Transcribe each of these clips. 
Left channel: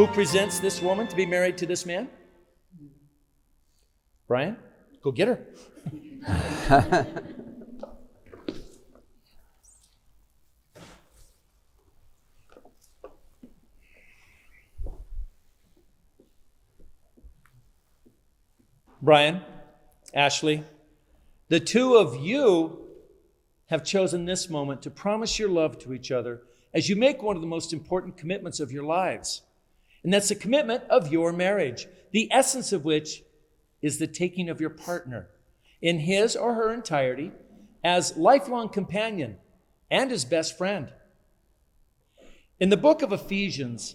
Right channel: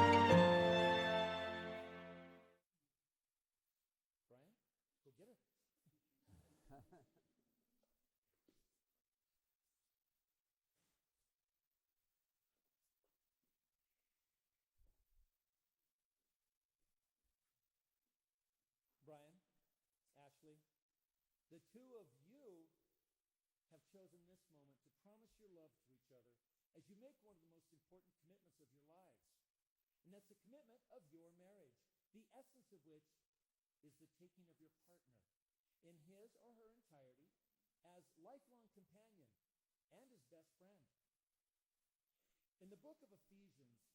Who presents this woman to be married to this man? Brian, go get her. Brian, Ashley, the two of you have chosen this moment to promise your love to each other as you make one of the most important commitments of your lives. And that's the commitment of your marriage, the essence of which is the taking of your partner in his or her entirety as lifelong companion and as best friend. In the book of Ephesians,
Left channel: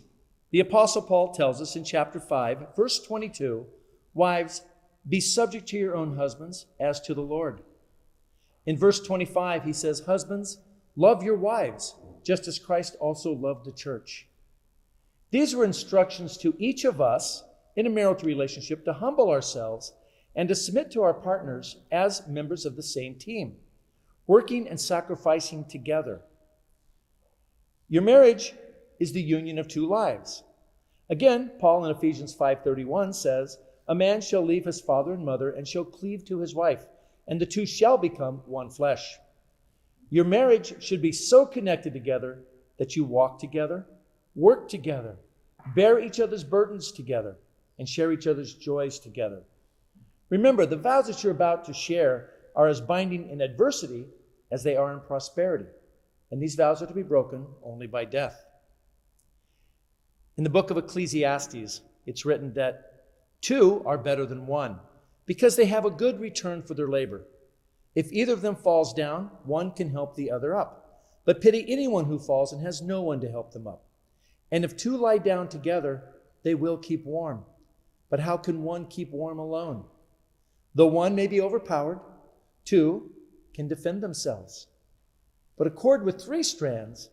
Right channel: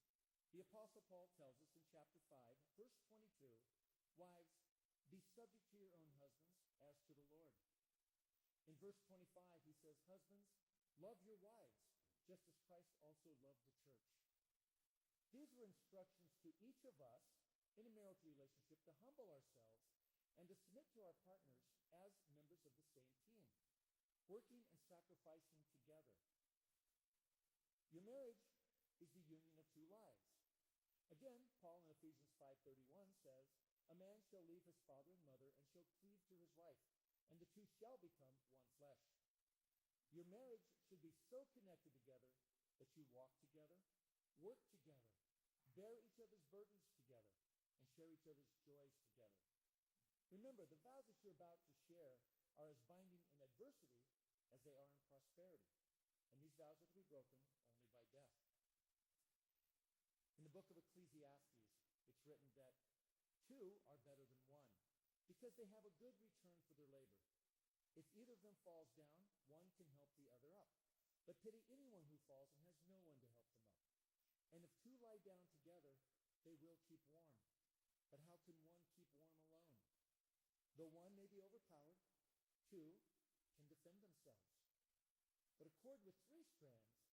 the Apostle Paul tells us in chapter 5, verse 22, wives, be subject to your own husbands as to the Lord. In verse 25, he says, husbands, love your wives, just as Christ also loved the church. These were instructions to each of us in a marital relationship to humble ourselves and to submit to our partners as members of the same team, working and sacrificing together. Your marriage is the union of two lives. Again, Paul in Ephesians 5:31 says, a man shall leave his father and mother and shall cleave to his wife, and the two shall become one flesh. Your marriage should be so connected together that you walk together, work together, bear each other's burdens together, and share each other's joys together. Remember, the vows that you're about to share are as binding in adversity as they are in prosperity. And these vows are to be broken only by death. In the book of Ecclesiastes, it's written that two are better than one because they have a good return for their labor. If either of them falls down, one can help the other up. But pity anyone who falls and has no one to help them up. And if two lie down together, they will keep warm. But how can one keep warm alone? Though one may be overpowered, two can defend themselves. But a cord with 3 strands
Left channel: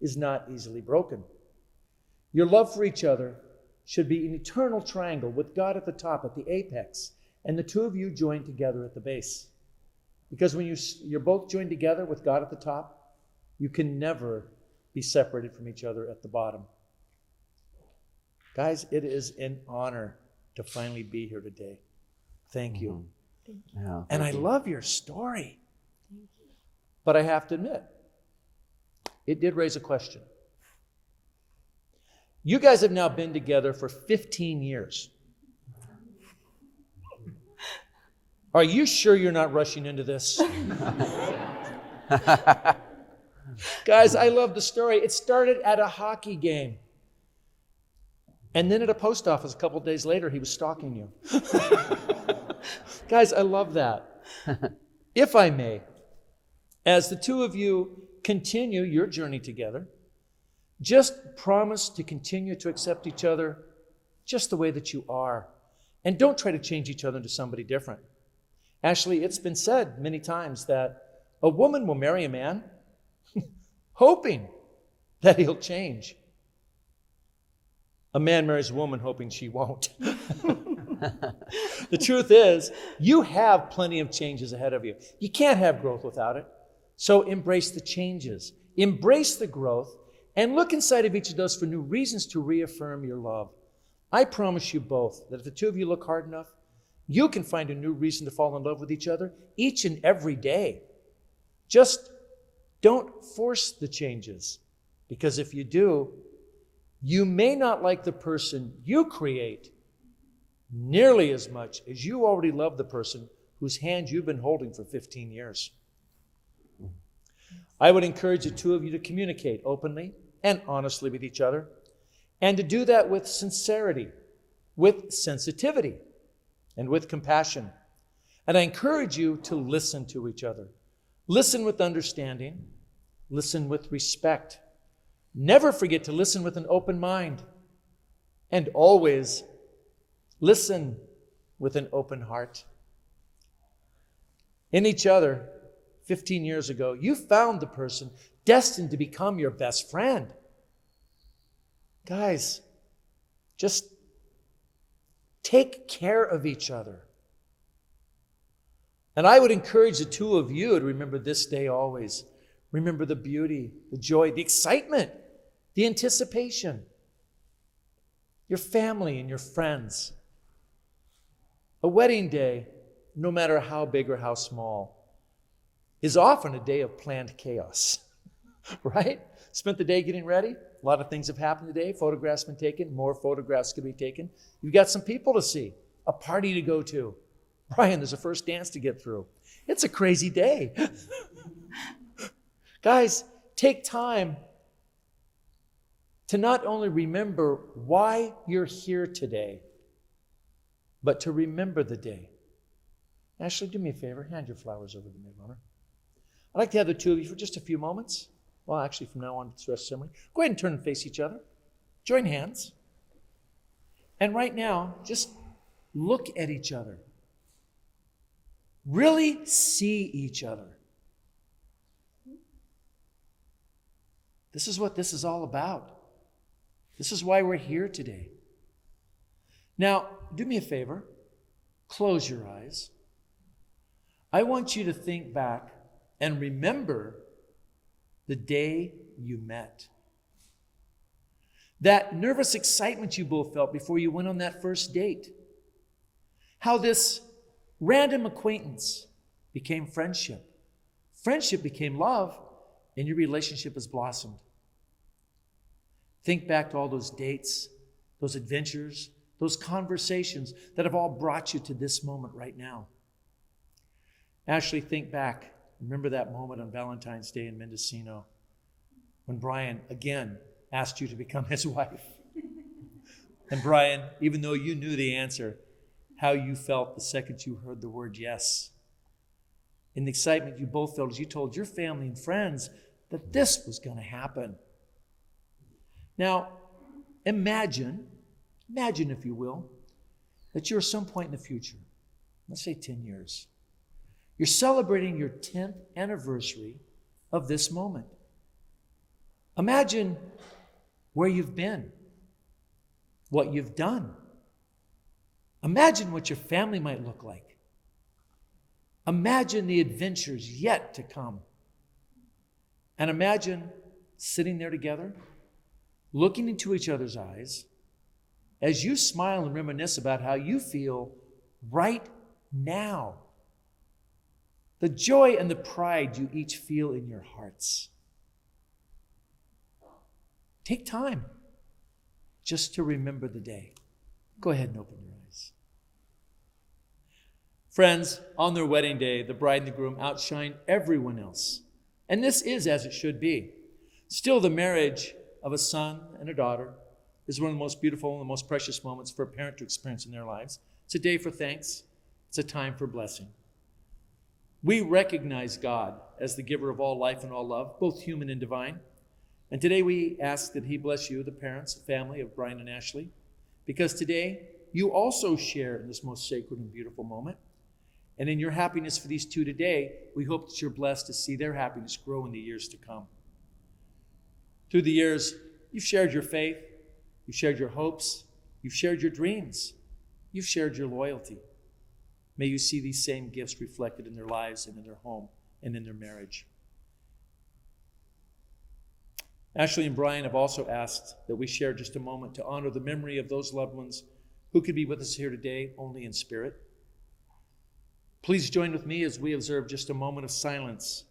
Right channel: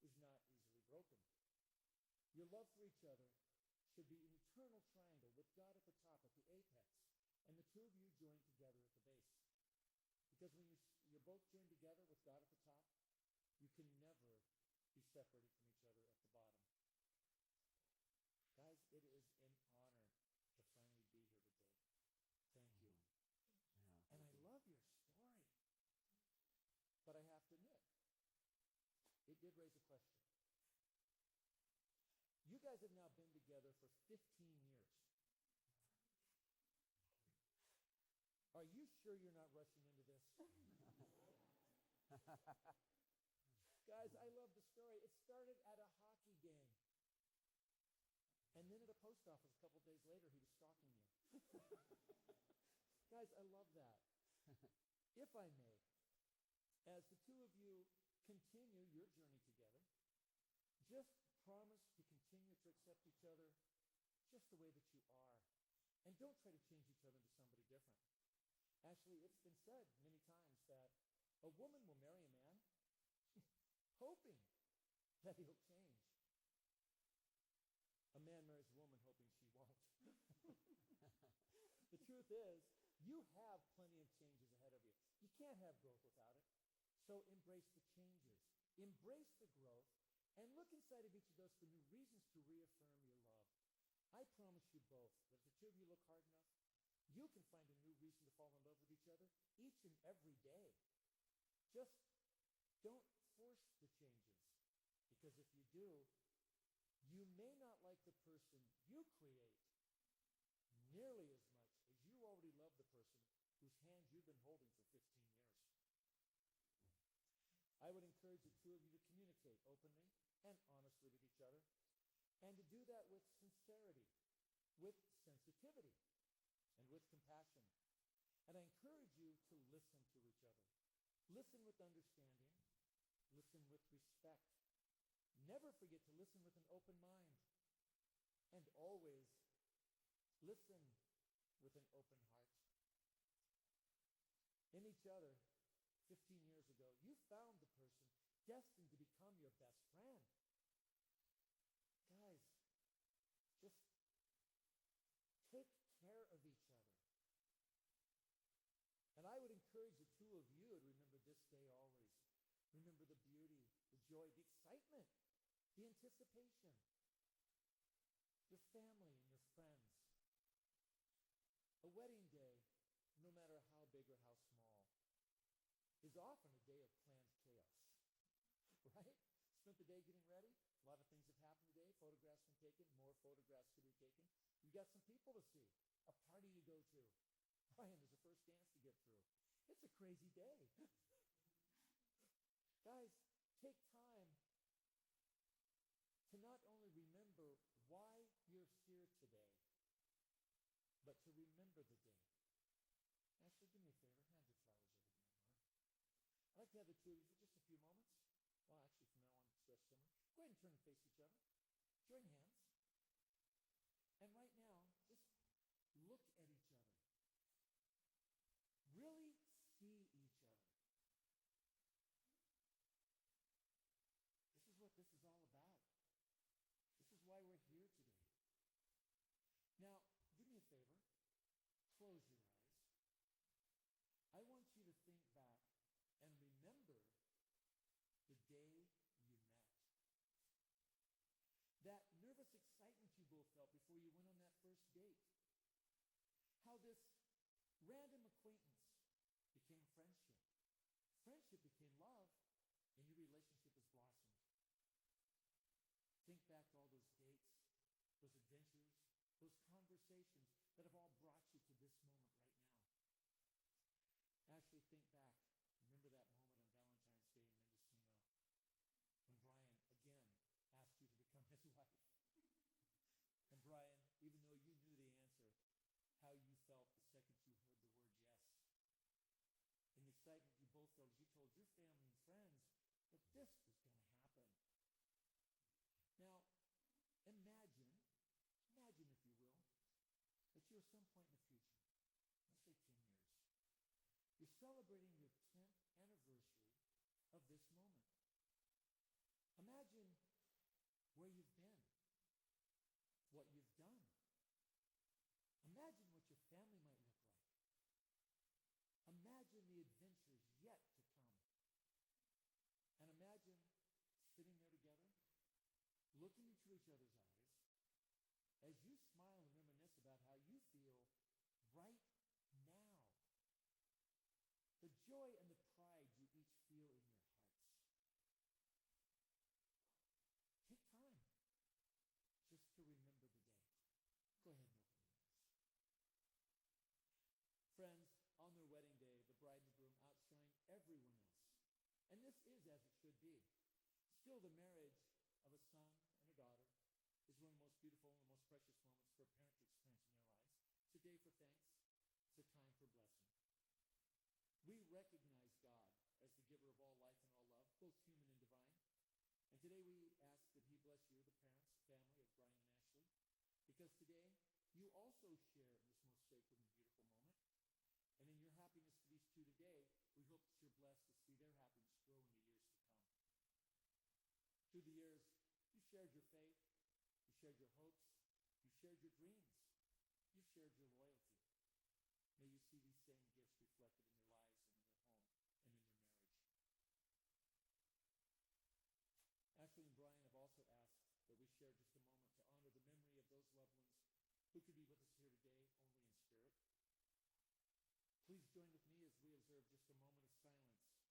is not easily broken. Your love for each other should be an eternal triangle with God at the top, at the apex, and the two of you joined together at the base. Because when you're both joined together with God at the top, you can never be separated from each other at the bottom. Guys, it is an honor to finally be here today. Thank you. Thank you. Yeah, and I love your story. Thank you. But I have to admit, it did raise a question. You guys have now been together for 15 years. Are you sure you're not rushing into this? Guys, I love the story. It started at a hockey game. And then at a post office a couple days later, he was stalking you. Guys, I love that. If I may, as the two of you continue your journey together, just promise to continue to accept each other just the way that you are. And don't try to change each other into somebody different. Ashley, it's been said many times that a woman will marry a man hoping that he'll change. A man marries a woman hoping she won't. The truth is, you have plenty of changes ahead of you. You can't have growth without it. So embrace the changes, embrace the growth, and look inside of each of those for new reasons to reaffirm your love. I promise you both that if the two of you look hard enough, you can find a new reason to fall in love with each other each and every day. Just don't force the changes, because if you do, you may not like the person you create nearly as much as you already love the person whose hand you've been holding for 15 years. I would encourage the two of you to communicate openly and honestly with each other, and to do that with sincerity, with sensitivity, and with compassion. And I encourage you to listen to each other. Listen with understanding. Listen with respect. Never forget to listen with an open mind. And always listen with an open heart. In each other, 15 years ago, you found the person destined to become your best friend. Guys, just take care of each other. And I would encourage the two of you to remember this day always. Remember the beauty, the joy, the excitement, the anticipation. your family and your friends. A wedding day, no matter how big or how small, is often a day of planned chaos, right? Spent the day getting ready. A lot of things have happened today. Photographs been taken. More photographs could be taken. You've got some people to see, a party to go to. Brian, there's a first dance to get through. It's a crazy day. Guys, take time to not only remember why you're here today, but to remember the day. Ashley, do me a favor. Hand your flowers over to the maid. I'd like to have the two of you for just a few moments. Well, actually, from now on, it's the rest of the ceremony. Go ahead and turn and face each other. Join hands. And right now, just look at each other. Really see each other. This is what this is all about. This is why we're here today. Now, do me a favor. Close your eyes. I want you to think back and remember the day you met. That nervous excitement you both felt before you went on that first date. How this random acquaintance became friendship. Friendship became love, and your relationship has blossomed. Think back to all those dates, those adventures, those conversations that have all brought you to this moment right now. Ashley, think back. Remember that moment on Valentine's Day in Mendocino when Brian, again, asked you to become his wife. And Brian, even though you knew the answer, how you felt the second you heard the word yes. And the excitement you both felt as you told your family and friends that this was going to happen. Now, imagine if you will, that you're at some point in the future, let's say 10 years, you're celebrating your 10th anniversary of this moment. Imagine where you've been, what you've done. Imagine what your family might look like. Imagine the adventures yet to come. And imagine sitting there together, looking into each other's eyes, as you smile and reminisce about how you feel right now. The joy and the pride you each feel in your hearts. Take time just to remember the day. Go ahead and open your eyes. Friends, on their wedding day, the bride and the groom outshine everyone else. And this is as it should be. Still, the marriage of a son and a daughter is one of the most beautiful and the most precious moments for a parent to experience in their lives. It's a day for thanks. It's a time for blessing. We recognize God as the giver of all life and all love, both human and divine. And today we ask that he bless you, the parents, the family of Brian and Ashley, because today you also share in this most sacred and beautiful moment. And in your happiness for these two today, we hope that you're blessed to see their happiness grow in the years to come. Through the years, you've shared your faith, you've shared your hopes, you've shared your dreams, you've shared your loyalty. May you see these same gifts reflected in their lives and in their home and in their marriage. Ashley and Brian have also asked that we share just a moment to honor the memory of those loved ones who could be with us here today only in spirit. Please join with me as we observe just a moment of silence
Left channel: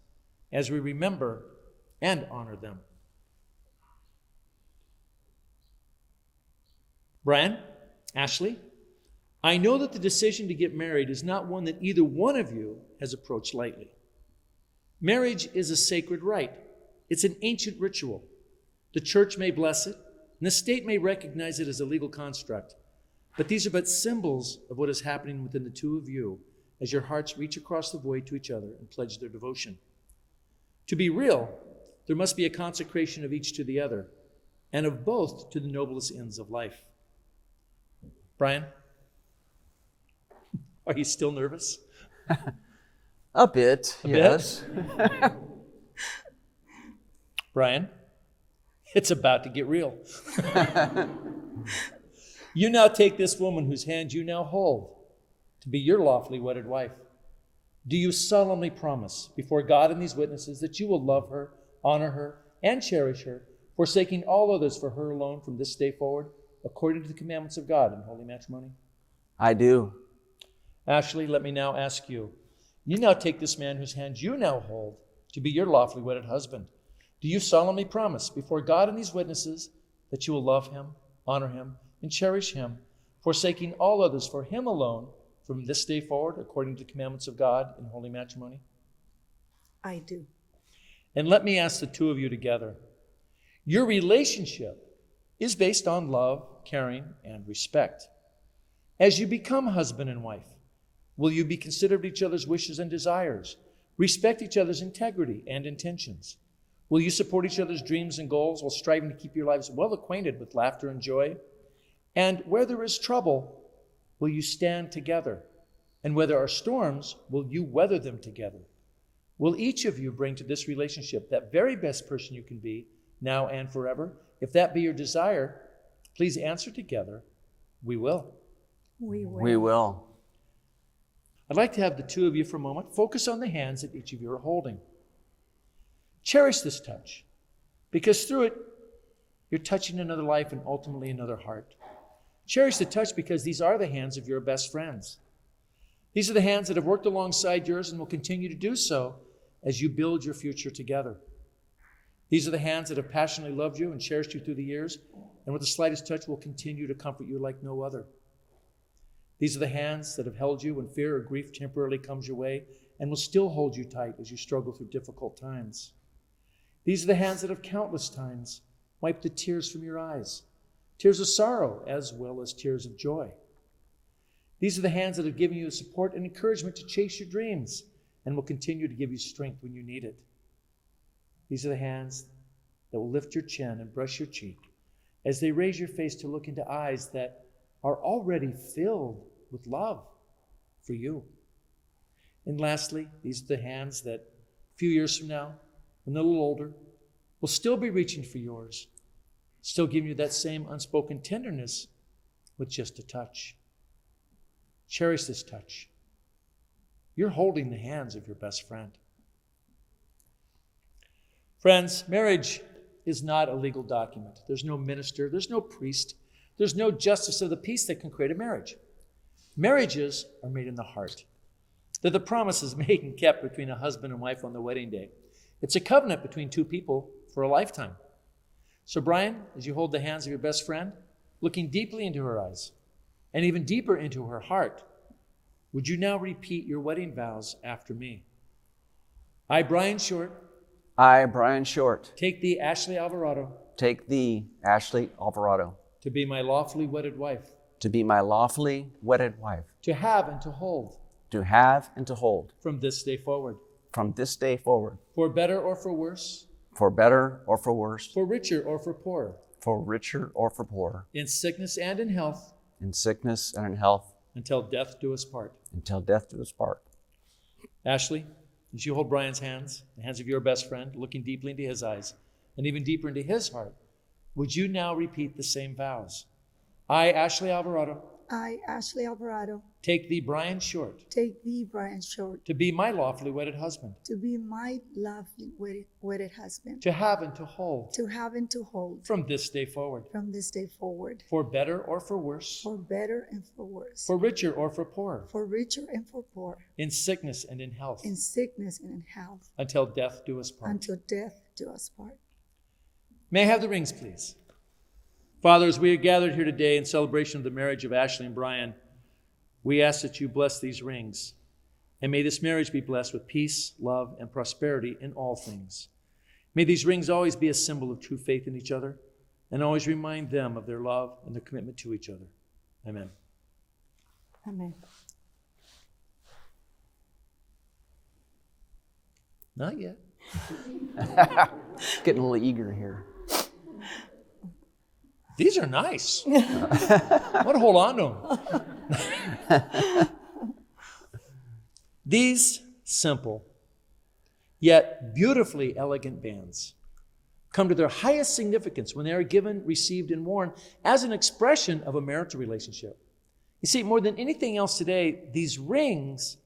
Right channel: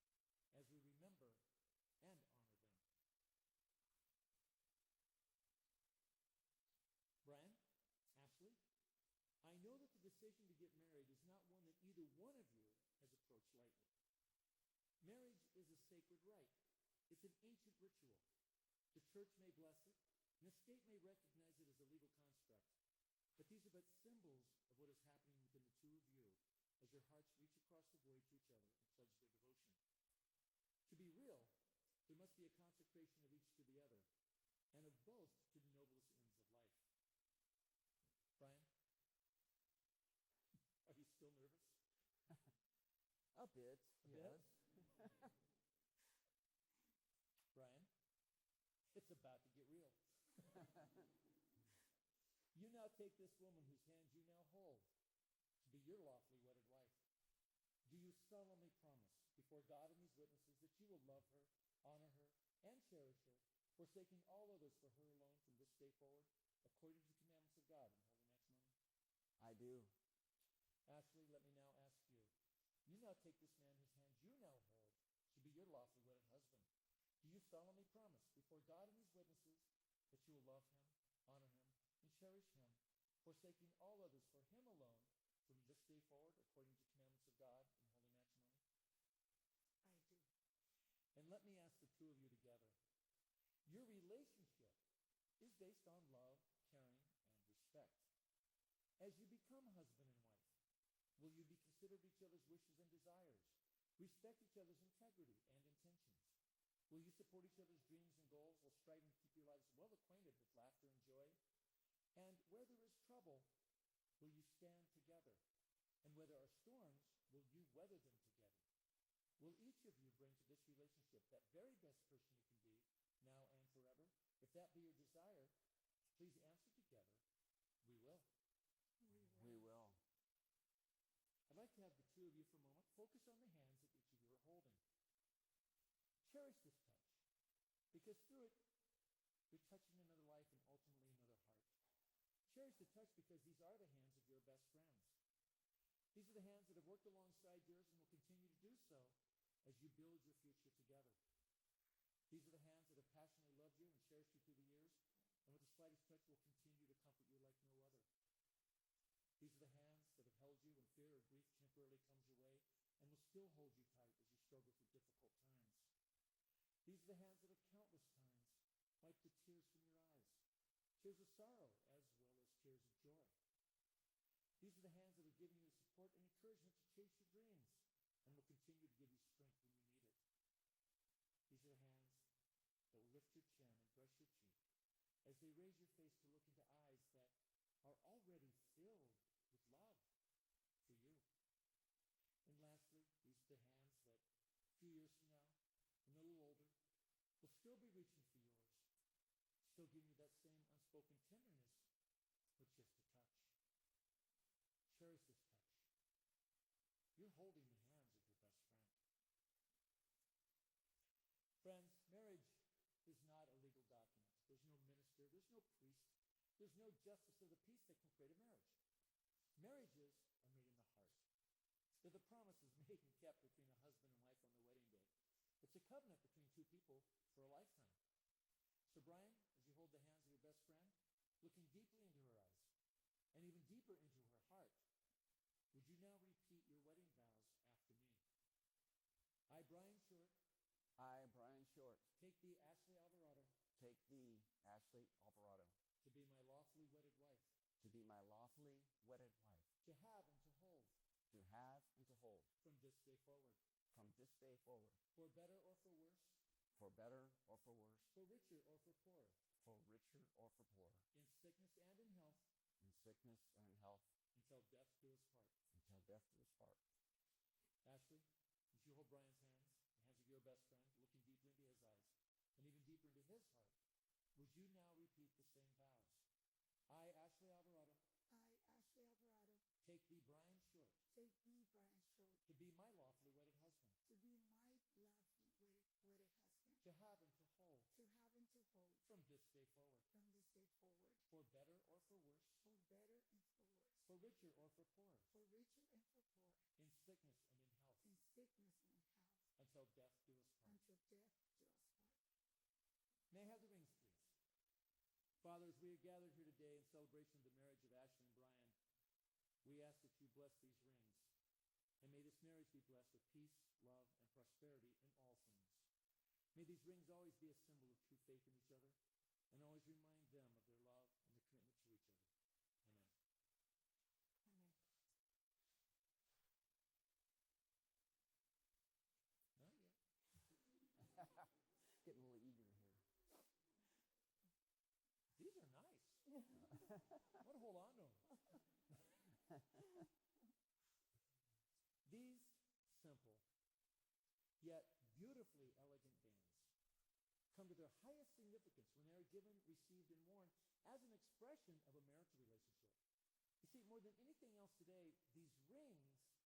as we remember and honor them. Brian, Ashley, I know that the decision to get married is not one that either one of you has approached lightly. Marriage is a sacred rite. It's an ancient ritual. The church may bless it, and the state may recognize it as a legal construct. But these are but symbols of what is happening within the two of you as your hearts reach across the void to each other and pledge their devotion. To be real, there must be a consecration of each to the other, and of both to the noblest ends of life. Brian, are you still nervous? A bit, yes. Brian, it's about to get real. You now take this woman whose hand you now hold to be your lawfully wedded wife. Do you solemnly promise before God and these witnesses that you will love her, honor her, and cherish her, forsaking all others for her alone from this day forward, according to the commandments of God in holy matrimony? I do. Ashley, let me now ask you. You now take this man whose hand you now hold to be your lawfully wedded husband. Do you solemnly promise before God and these witnesses that you will love him, honor him, and cherish him, forsaking all others for him alone from this day forward, according to the commandments of God in holy matrimony? I do. And let me ask the two of you together. Your relationship is based on love, caring, and respect. As you become husband and wife, will you be considerate of each other's wishes and desires, respect each other's integrity and intentions? Will you support each other's dreams and goals while striving to keep your lives well acquainted with laughter and joy? And where there is trouble, will you stand together? And where there are storms, will you weather them together? Will each of you bring to this relationship that very best person you can be, now and forever? If that be your desire, please answer together, we will. We will. We will. I'd like to have the two of you for a moment focus on the hands that each of you are holding. Cherish this touch, because through it, you're touching another life and ultimately another heart. Cherish the touch because these are the hands of your best friends. These are the hands that have worked alongside yours and will continue to do so as you build your future together. These are the hands that have passionately loved you and cherished you through the years, and with the slightest touch will continue to comfort you like no other. These are the hands that have held you when fear or grief temporarily comes your way and will still hold you tight as you struggle through difficult times. These are the hands that have countless times wiped the tears from your eyes, tears of sorrow as well as tears of joy. These are the hands that have given you the support and encouragement to chase your dreams and will continue to give you strength when you need it. These are the hands that will lift your chin and brush your cheek as they raise your face to look into eyes that are already filled with love for you. And lastly, these are the hands that a few years from now, when they're a little older, will still be reaching for yours, still giving you that same unspoken tenderness with just a touch. Cherish this touch. You're holding the hands of your best friend. Friends, marriage is not a legal document. There's no minister, there's no priest, there's no justice of the peace that can create a marriage. Marriages are made in the heart. They're the promises made and kept between a husband and wife on the wedding day. It's a covenant between two people for a lifetime. So Brian, as you hold the hands of your best friend, looking deeply into her eyes and even deeper into her heart, would you now repeat your wedding vows after me? I, Brian Short, I, Brian Short, take thee, Ashley Alvarado, take thee, Ashley Alvarado, to be my lawfully wedded wife, to be my lawfully wedded wife, to have and to hold, to have and to hold, from this day forward, from this day forward, for better or for worse, for better or for worse, for richer or for poorer, for richer or for poorer, in sickness and in health, in sickness and in health, until death do us part. until death do us part. Ashley, as you hold Brian's hands, the hands of your best friend, looking deeply into his eyes and even deeper into his heart, would you now repeat the same vows? I, Ashley Alvarado, I, Ashley Alvarado, take thee, Brian Short, take thee, Brian Short, to be my lawfully wedded husband, to be my lovely wedded husband, to have and to hold, to have and to hold, from this day forward, from this day forward, for better or for worse, for better and for worse, for richer or for poorer, for richer and for poor, in sickness and in health, in sickness and in health, until death do us part. until death do us part. May I have the rings, please? Father, as we are gathered here today in celebration of the marriage of Ashley and Brian, we ask that you bless these rings. And may this marriage be blessed with peace, love, and prosperity in all things. May these rings always be a symbol of true faith in each other and always remind them of their love and their commitment to each other. Amen. Amen. Not yet. Getting a little eager here. These are nice. I want to hold on to them. These simple, yet beautifully elegant bands come to their highest significance when they are given, received, and worn as an expression of a marital relationship. You see, more than anything else today, these rings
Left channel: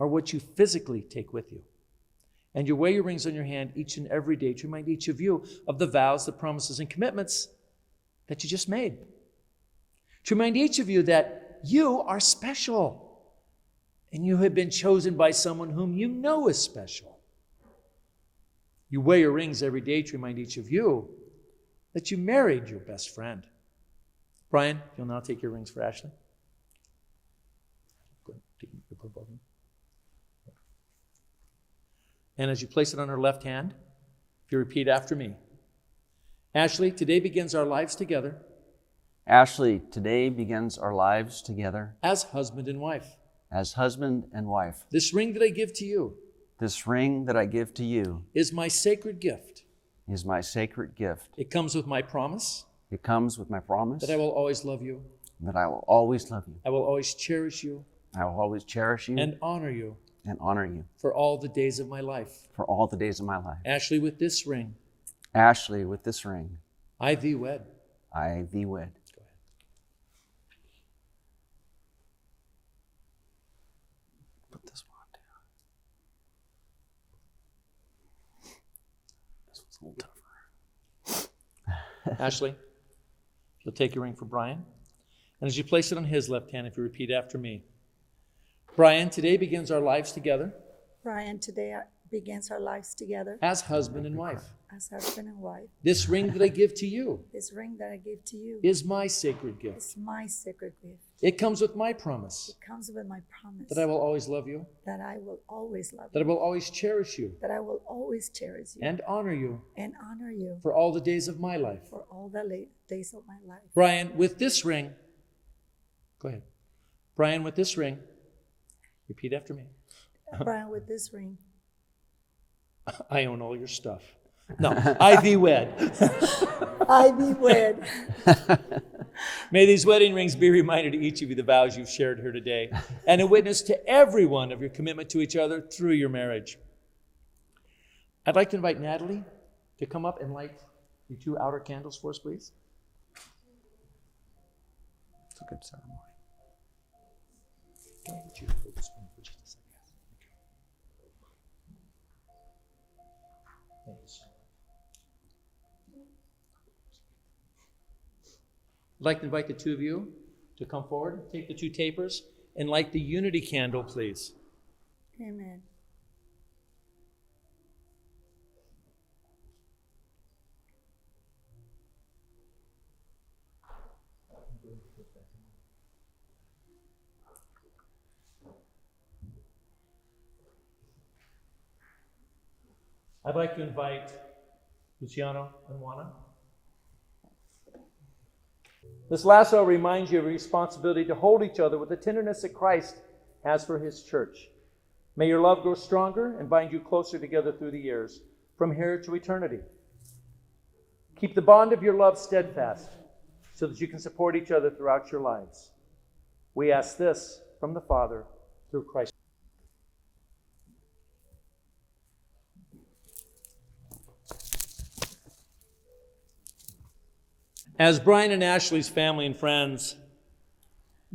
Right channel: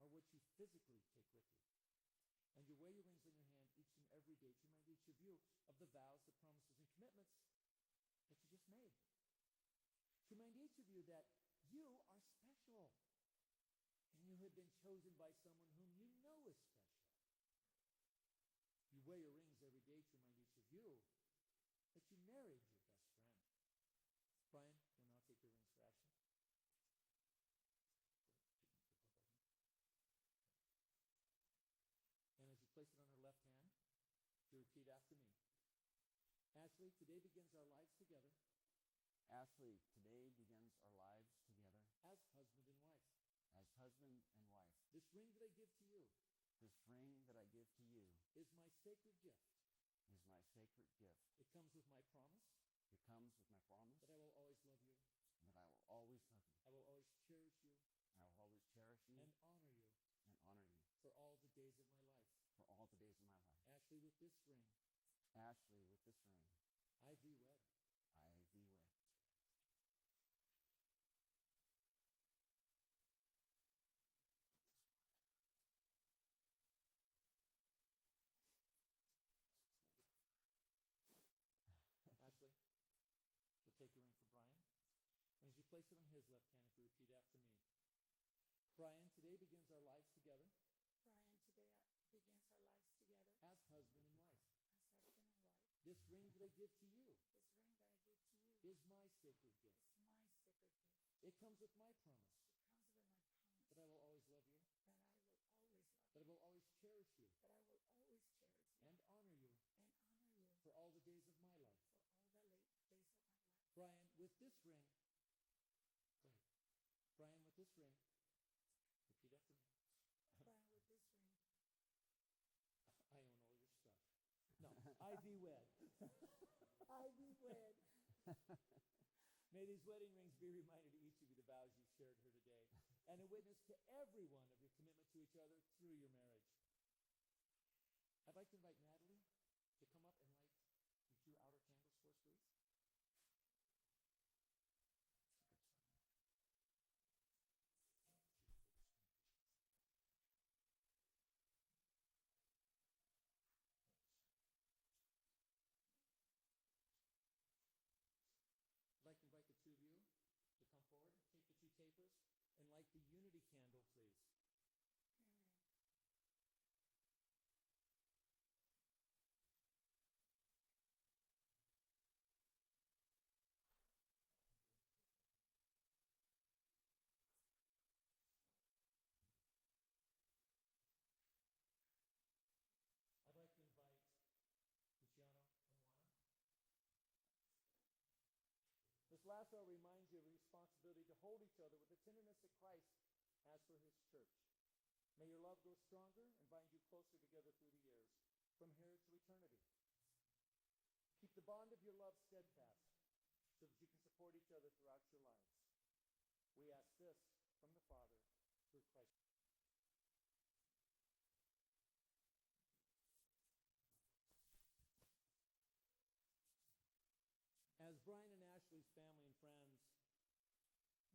are what you physically take with you. And you wear your rings on your hand each and every day to remind each of you of the vows, the promises, and commitments that you just made. To remind each of you that you are special and you have been chosen by someone whom you know is special. You wear your rings every day to remind each of you that you married your best friend. Brian, you'll now take your rings for Ashley. Good. And as you place it on her left hand, if you repeat after me. Ashley, today begins our lives together Ashley, today begins our lives together as husband and wife. as husband and wife. This ring that I give to you This ring that I give to you is my sacred gift. is my sacred gift. It comes with my promise It comes with my promise that I will always love you. that I will always love you. I will always cherish you I will always cherish you and honor you and honor you for all the days of my life. for all the days of my life. Ashley, with this ring, Ashley, with this ring, I thee wed. I thee wed. Put this one down. This one's a little tougher. Ashley, you'll take your ring for Brian. And as you place it on his left hand, if you repeat after me. Brian, today begins our lives together Brian, today begins our lives together as husband and wife. as husband and wife. This ring that I give to you This ring that I give to you is my sacred gift. is my sacred gift. It comes with my promise It comes with my promise that I will always love you, that I will always love that I you, will always cherish you that I will always cherish you and honor you and honor you for all the days of my life. for all the days of my life. Brian, with this ring, go ahead. Brian, with this ring, repeat after me. Brian, with this ring, I own all your stuff. No, I thee wed. I be wed. May these wedding rings be a reminder to each of you the vows you've shared here today and a witness to everyone of your commitment to each other through your marriage. I'd like to invite Natalie to come up and light the 2 outer candles for us, please. It's a good ceremony. Would you hold this one for just a second? Thank you so much. I'd like to invite the 2 of you to come forward, take the 2 tapers, and light the unity candle, please. Amen. I'd like to invite Luciano and Juana. This lasso reminds you of your responsibility to hold each other with the tenderness that Christ has for his church. May your love grow stronger and bind you closer together through the years, from here to eternity. Keep the bond of your love steadfast so that you can support each other throughout your lives. We ask this from the Father through Christ. As Brian and Ashley's family and friends,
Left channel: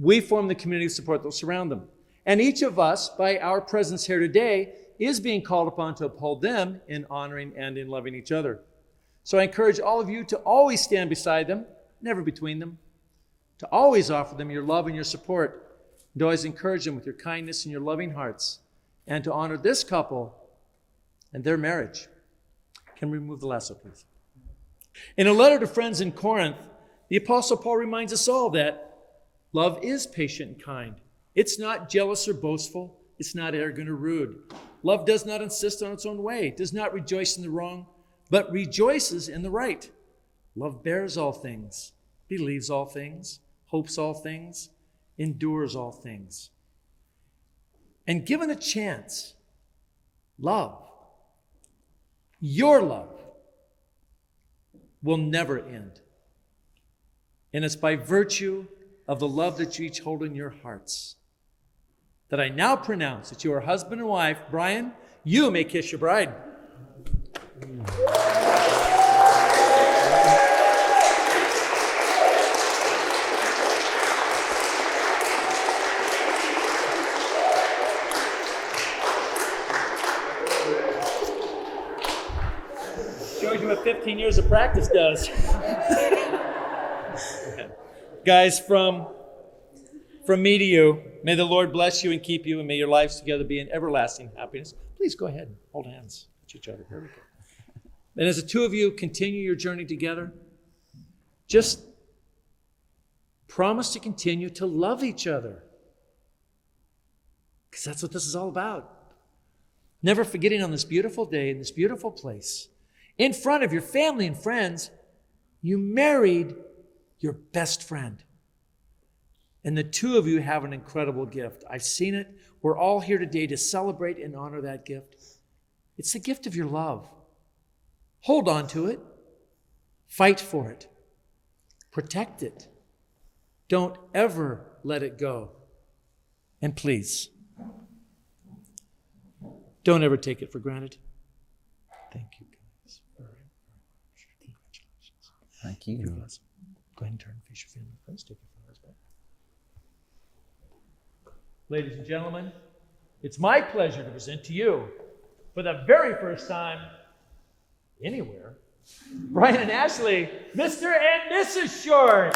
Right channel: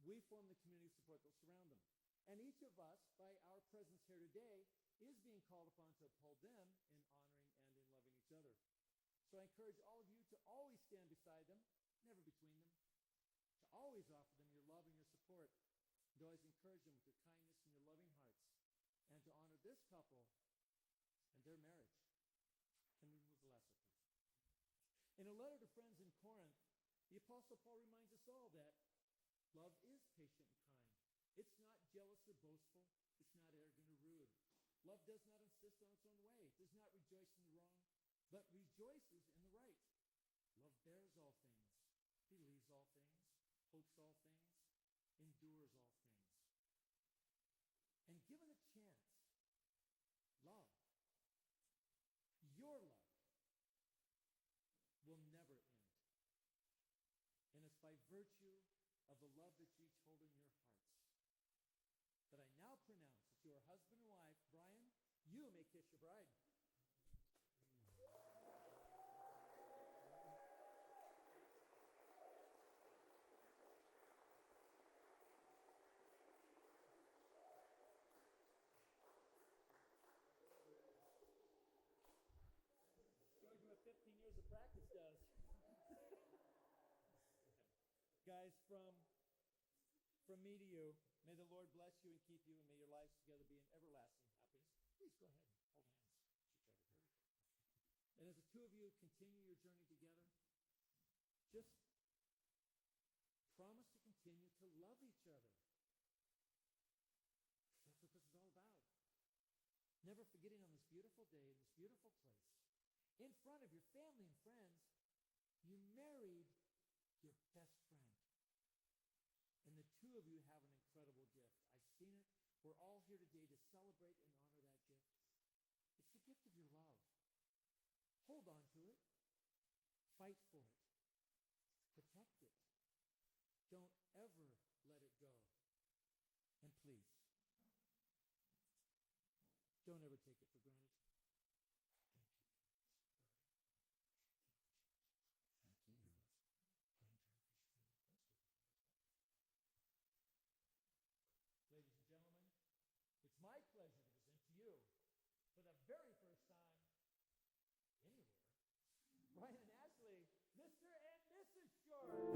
we form the community of support that will surround them. And each of us, by our presence here today, is being called upon to uphold them in honoring and in loving each other. So I encourage all of you to always stand beside them, never between them, to always offer them your love and your support, and to always encourage them with your kindness and your loving hearts, and to honor this couple and their marriage. Can we remove the lasso, please? In a letter to friends in Corinth, the Apostle Paul reminds us all that love is patient and kind. It's not jealous or boastful. It's not arrogant or rude. Love does not insist on its own way, does not rejoice in the wrong, but rejoices in the right. Love bears all things, believes all things, hopes all things, endures all things. And given a chance, love, your love, will never end. And it's by virtue of the love that you each hold in your hearts that I now pronounce that you are husband and wife. Brian, you may kiss your bride. Shows you what 15 years of practice does. Guys, from me to you, may the Lord bless you and keep you, and may your lives together be in everlasting happiness. Please go ahead and hold hands with each other. Here we go. And as the two of you continue your journey together, just promise to continue to love each other. Because that's what this is all about. Never forgetting on this beautiful day, in this beautiful place, in front of your family and friends, you married your best friend. And the two of you have an incredible gift. I've seen it. We're all here today to celebrate and honor that gift. It's the gift of your love. Hold on to it. Fight for it. Protect it. Don't ever let it go. And please, don't ever take it for granted. Thank you, guys, very much. Congratulations. Thank you. You're blessed. Go ahead and turn and face your family and friends. Take your flowers back. Ladies and gentlemen, it's my pleasure to present to you, for the very first time anywhere, Brian and Ashley, Mr. and Mrs. Short.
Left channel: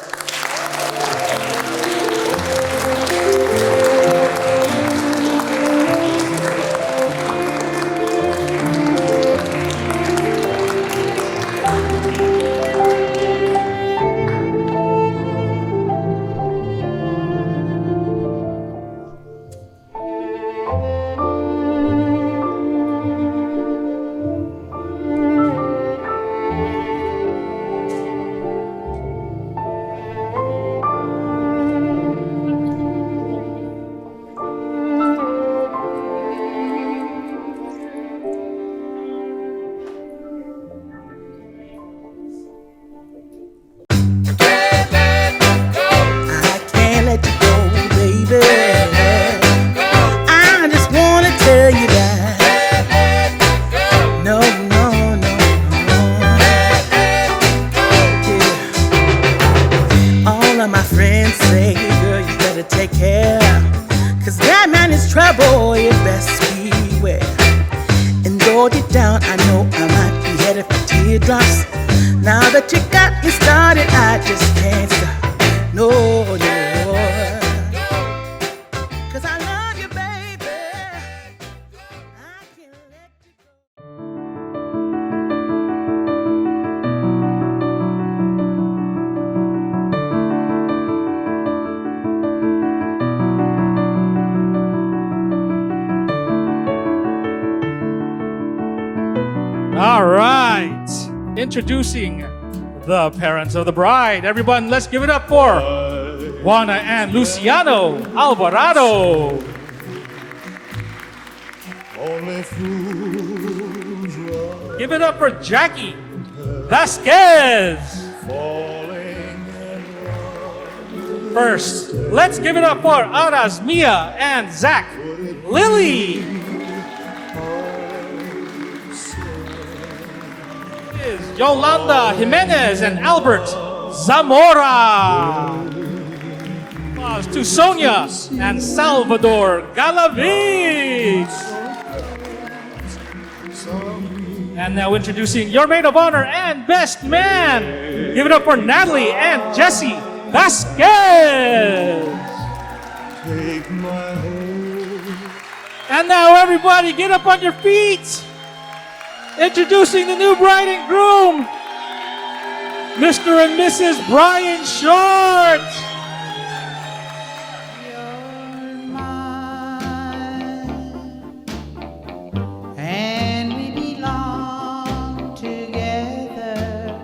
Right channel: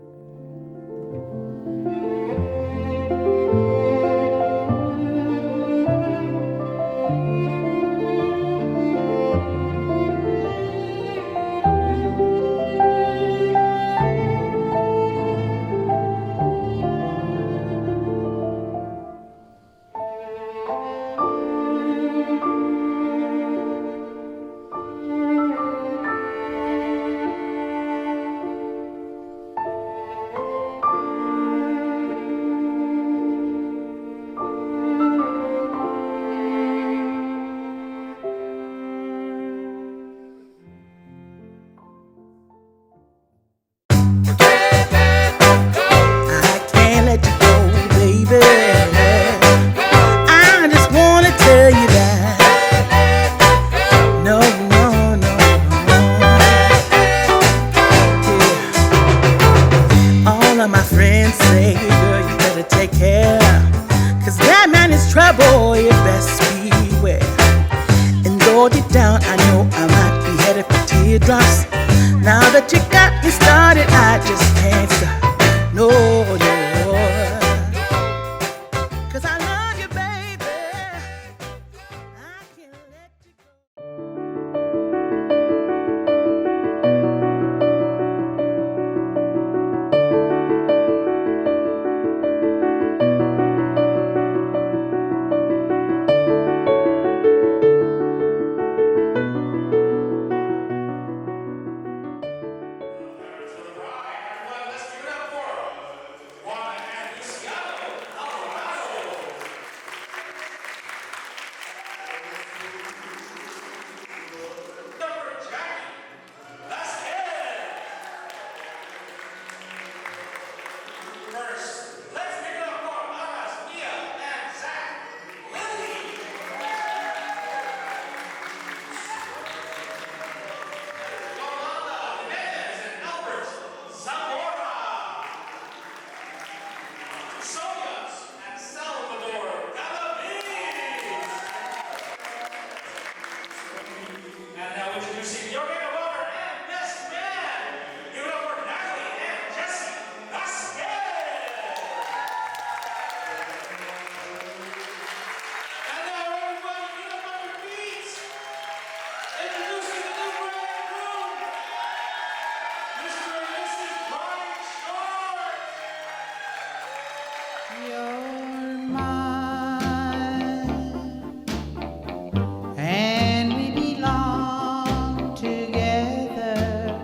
I can't let you go, baby. I just wanna tell you that. No, no, no, no. Yeah. All of my friends say, girl, you better take care. Cause that man is trouble, you best beware. And though deep down, I know I might be headed for teardrops. Now that you got me started, I just can't stop. No, no. Cause I love you, baby. I can't let you go. All right. Introducing the parents of the bride. Everyone, let's give it up for Juana and Luciano Alvarado. Give it up for Jackie Vasquez. First, let's give it up for Aras, Mia, and Zach Lily. Yolanda Jimenez and Albert Zamora. Applause to Sonia and Salvador Galaviz. And now introducing your maid of honor and best man. Give it up for Natalie and Jesse Vasquez. And now everybody get up on your feet. Introducing the new bride and groom, Mr. and Mrs. Brian Short. You're mine, and we belong together.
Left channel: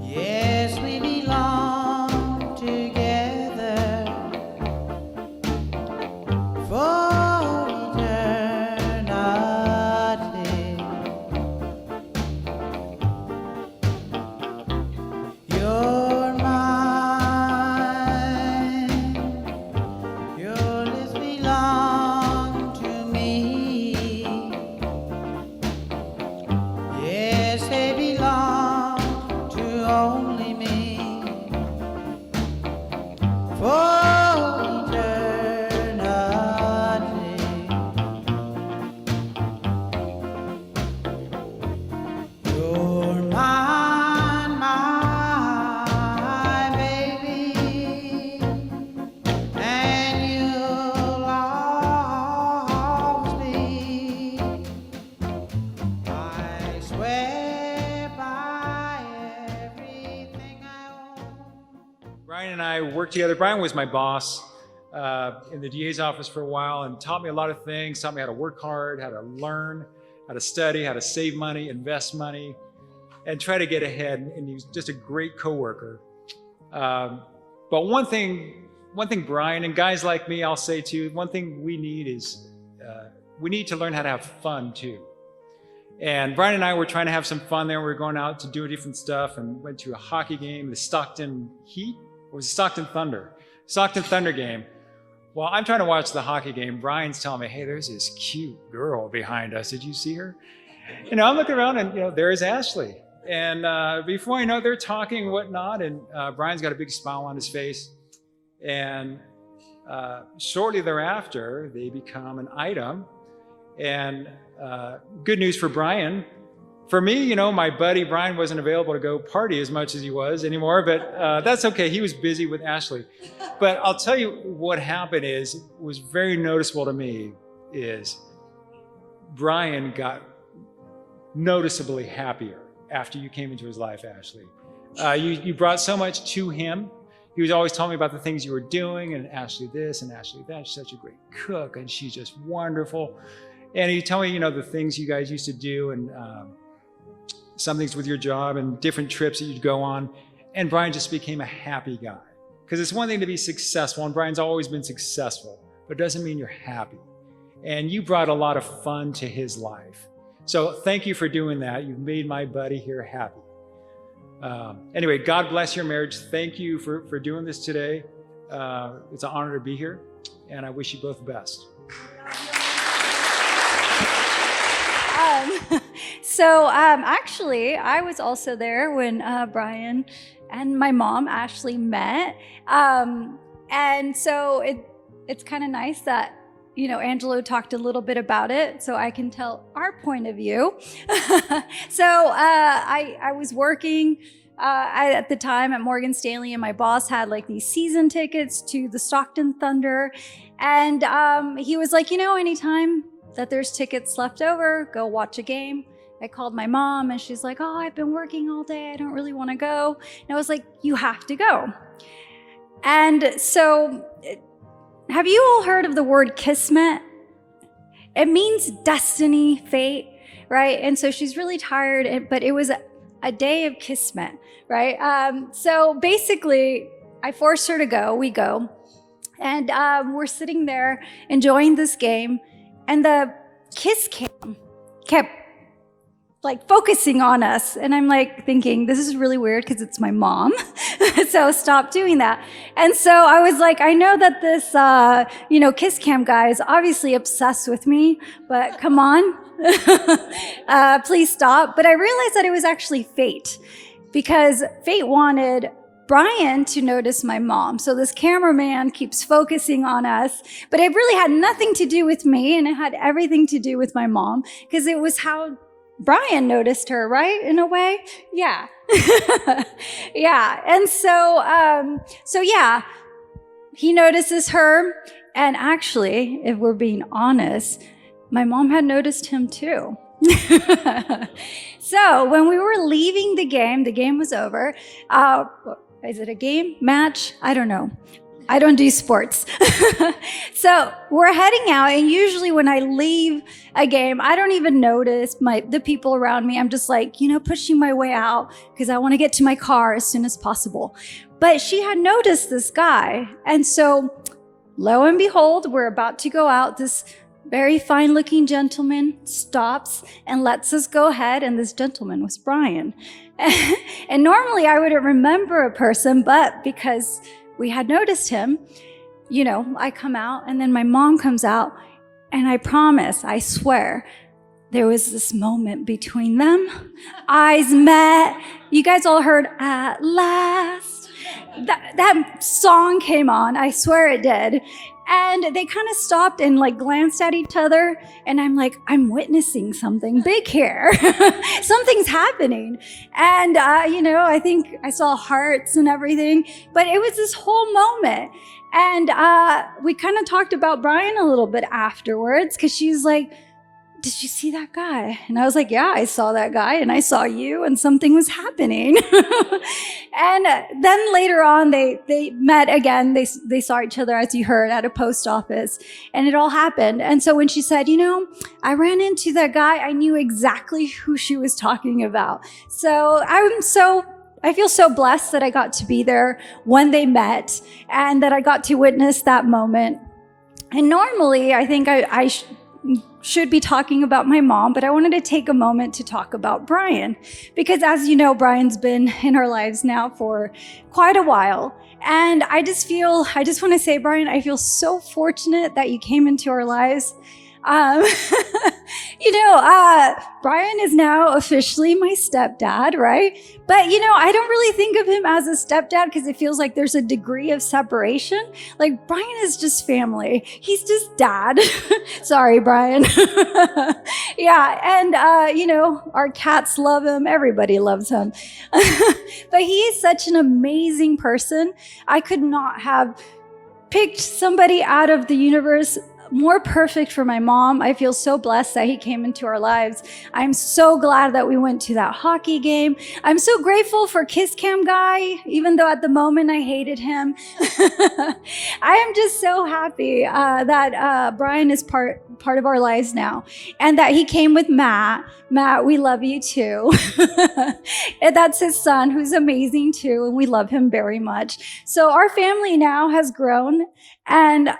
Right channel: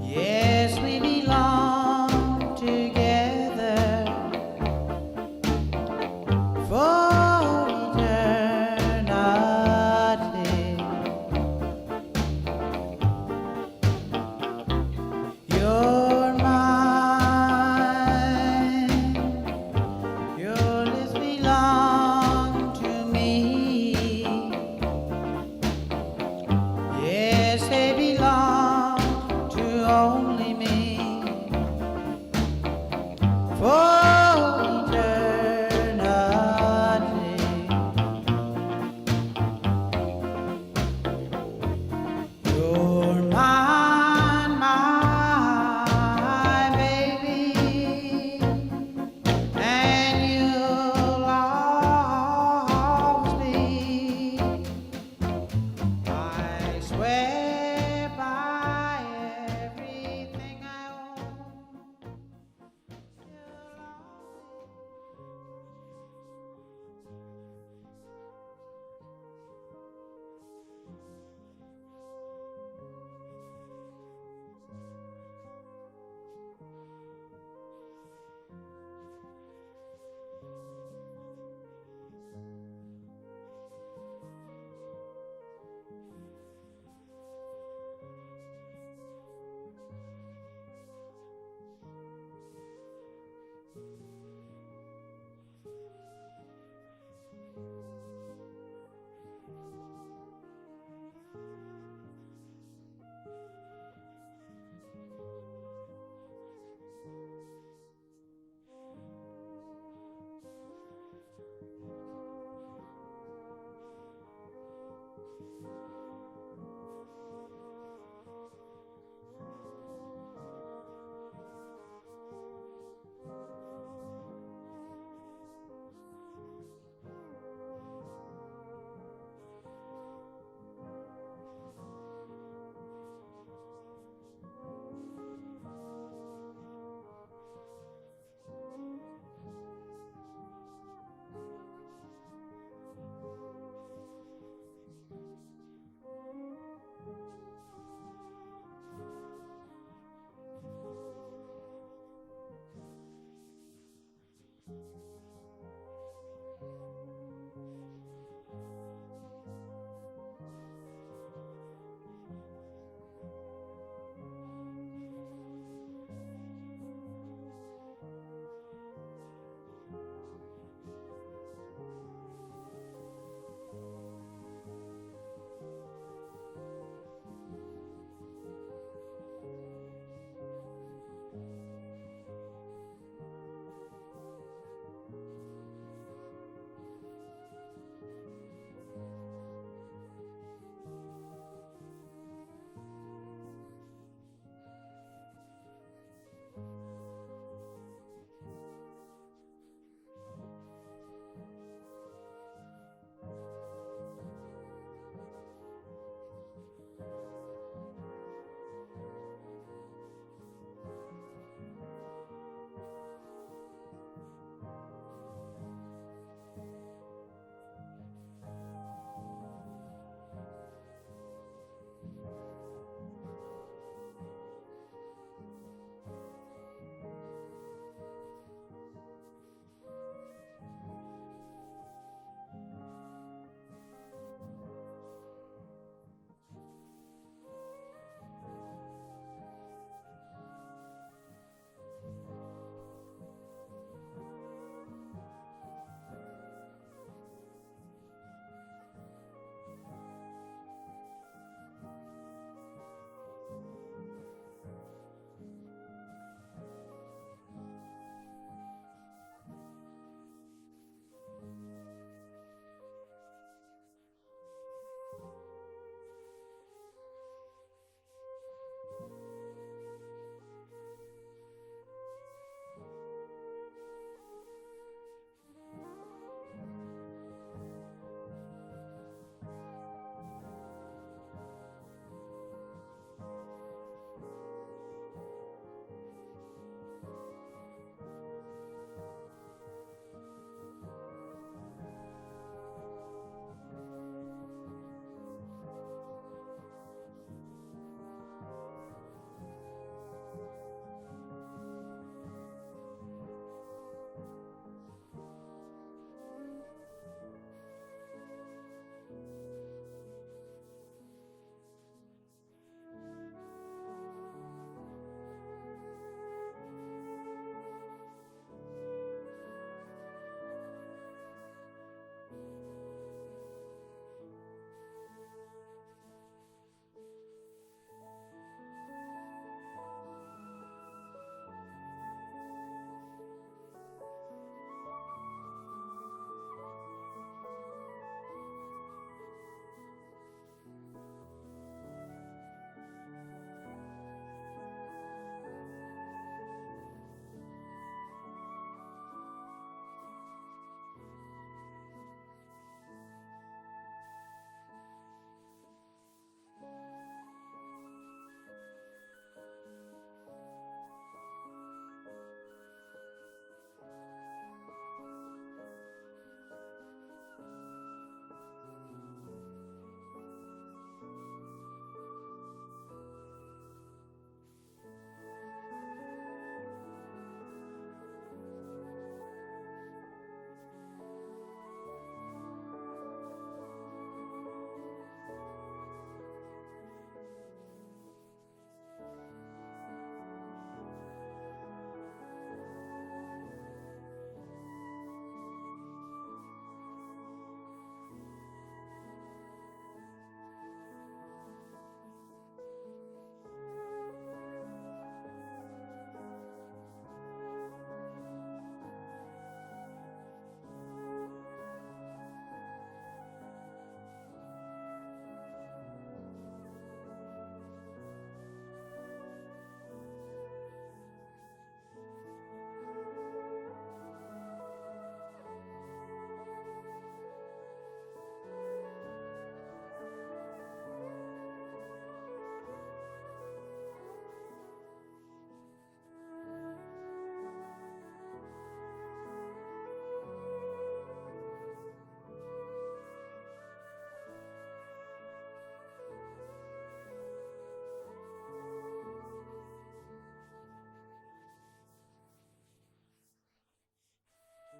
Yes, we belong together for eternity. You're together. Brian was my boss in the DA's office for a while and taught me a lot of things, taught me how to work hard, how to learn, how to study, how to save money, invest money, and try to get ahead. And he was just a great coworker. But one thing, Brian, and guys like me, I'll say too, one thing we need is we need to learn how to have fun too. And Brian and I were trying to have some fun there. We were going out to do different stuff and went to a hockey game, the Stockton Heat, or was it Stockton Thunder? Stockton Thunder game. While I'm trying to watch the hockey game, Brian's telling me, hey, there's this cute girl behind us. Did you see her? I'm looking around and, there is Ashley. And before I know it, they're talking and whatnot. And Brian's got a big smile on his face. And shortly thereafter, they become an item. And good news for Brian. For me, my buddy Brian wasn't available to go party as much as he was anymore, but that's okay. He was busy with Ashley. But I'll tell you what happened was very noticeable to me is Brian got noticeably happier after you came into his life, Ashley. You brought so much to him. He was always telling me about the things you were doing, and Ashley this and Ashley that. She's such a great cook, and she's just wonderful. And he'd tell me, the things you guys used to do, and some things with your job, and different trips that you'd go on. And Brian just became a happy guy. Because it's one thing to be successful, and Brian's always been successful, but it doesn't mean you're happy. And you brought a lot of fun to his life. So thank you for doing that. You've made my buddy here happy. Anyway, God bless your marriage. Thank you for doing this today. It's an honor to be here, and I wish you both the best. Actually, I was also there when Brian and my mom, Ashley, met. And so it's kind of nice that, Angelo talked a little bit about it, so I can tell our point of view. So I was working at the time at Morgan Stanley, and my boss had like these season tickets to the Stockton Thunder. And he was like, anytime that there's tickets left over, go watch a game. I called my mom and she's like, oh, I've been working all day. I don't really want to go. And I was like, you have to go. And so have you all heard of the word kismet? It means destiny, fate, right? And so she's really tired, but it was a day of kismet, right? So basically, I forced her to go. We go. And we're sitting there enjoying this game. And the kiss cam kept focusing on us. And I'm thinking, this is really weird because it's my mom. So stop doing that. And so I was like, I know that this, kiss cam guy is obviously obsessed with me, but come on, please stop. But I realized that it was actually fate, because fate wanted Brian to notice my mom. So this cameraman keeps focusing on us, but it really had nothing to do with me, and it had everything to do with my mom, because it was how Brian noticed her, right? In a way? Yeah. Yeah. And so yeah, he notices her. And actually, if we're being honest, my mom had noticed him too. So when we were leaving the game was over. Is it a game? Match? I don't know. I don't do sports. So we're heading out, and usually when I leave a game, I don't even notice the people around me. I'm just pushing my way out because I want to get to my car as soon as possible. But she had noticed this guy. And so lo and behold, we're about to go out. This very fine-looking gentleman stops and lets us go ahead, and this gentleman was Brian. And normally I wouldn't remember a person, but because we had noticed him, I come out, and then my mom comes out, and I promise, I swear, there was this moment between them. Eyes met. You guys all heard "At Last." That song came on. I swear it did. And they kind of stopped and glanced at each other. And I'm like, I'm witnessing something big here. Something's happening. And, I think I saw hearts and everything. But it was this whole moment. And we kind of talked about Brian a little bit afterwards, because she's like, did you see that guy? And I was like, yeah, I saw that guy and I saw you and something was happening. And then later on, they met again. They saw each other, as you heard, at a post office, and it all happened. And so when she said, I ran into that guy, I knew exactly who she was talking about. So I feel so blessed that I got to be there when they met and that I got to witness that moment. And normally, I think I should be talking about my mom, but I wanted to take a moment to talk about Brian, because as you know, Brian's been in our lives now for quite a while. And I just want to say, Brian, I feel so fortunate that you came into our lives. Brian is now officially my stepdad, right? But, I don't really think of him as a stepdad because it feels like there's a degree of separation. Like, Brian is just family. He's just dad. Sorry, Brian. Yeah, and, our cats love him. Everybody loves him. But he is such an amazing person. I could not have picked somebody out of the universe more perfect for my mom. I feel so blessed that he came into our lives. I'm so glad that we went to that hockey game. I'm so grateful for Kiss Cam Guy, even though at the moment I hated him. I am just so happy that Brian is part of our lives now, and that he came with Matt. Matt, we love you too. And that's his son, who's amazing too, and we love him very much. So our family now has grown, and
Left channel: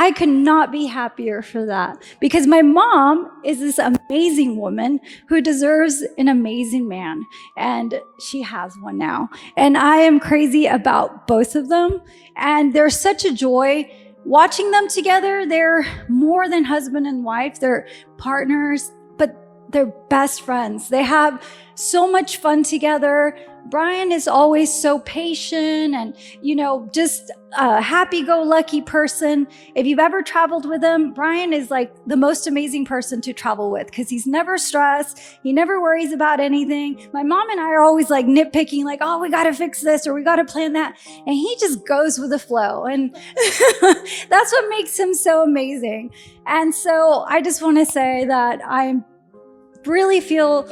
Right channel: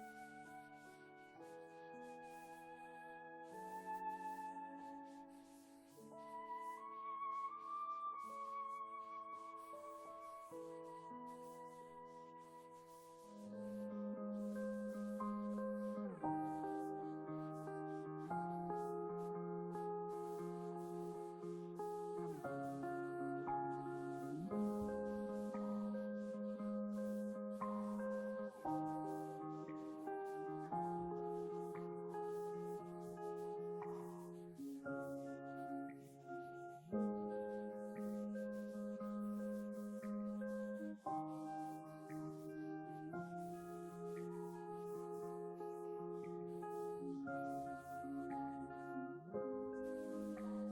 I could not be happier for that, because my mom is this amazing woman who deserves an amazing man, and she has one now. And I am crazy about both of them, and there's such a joy watching them together. They're more than husband and wife. They're partners, but they're best friends. They have so much fun together. Brian is always so patient and, just a happy-go-lucky person. If you've ever traveled with him, Brian is like the most amazing person to travel with because he's never stressed. He never worries about anything. My mom and I are always like nitpicking, like, oh, we got to fix this or we got to plan that. And he just goes with the flow. And that's what makes him so amazing. And so I just want to say that I really feel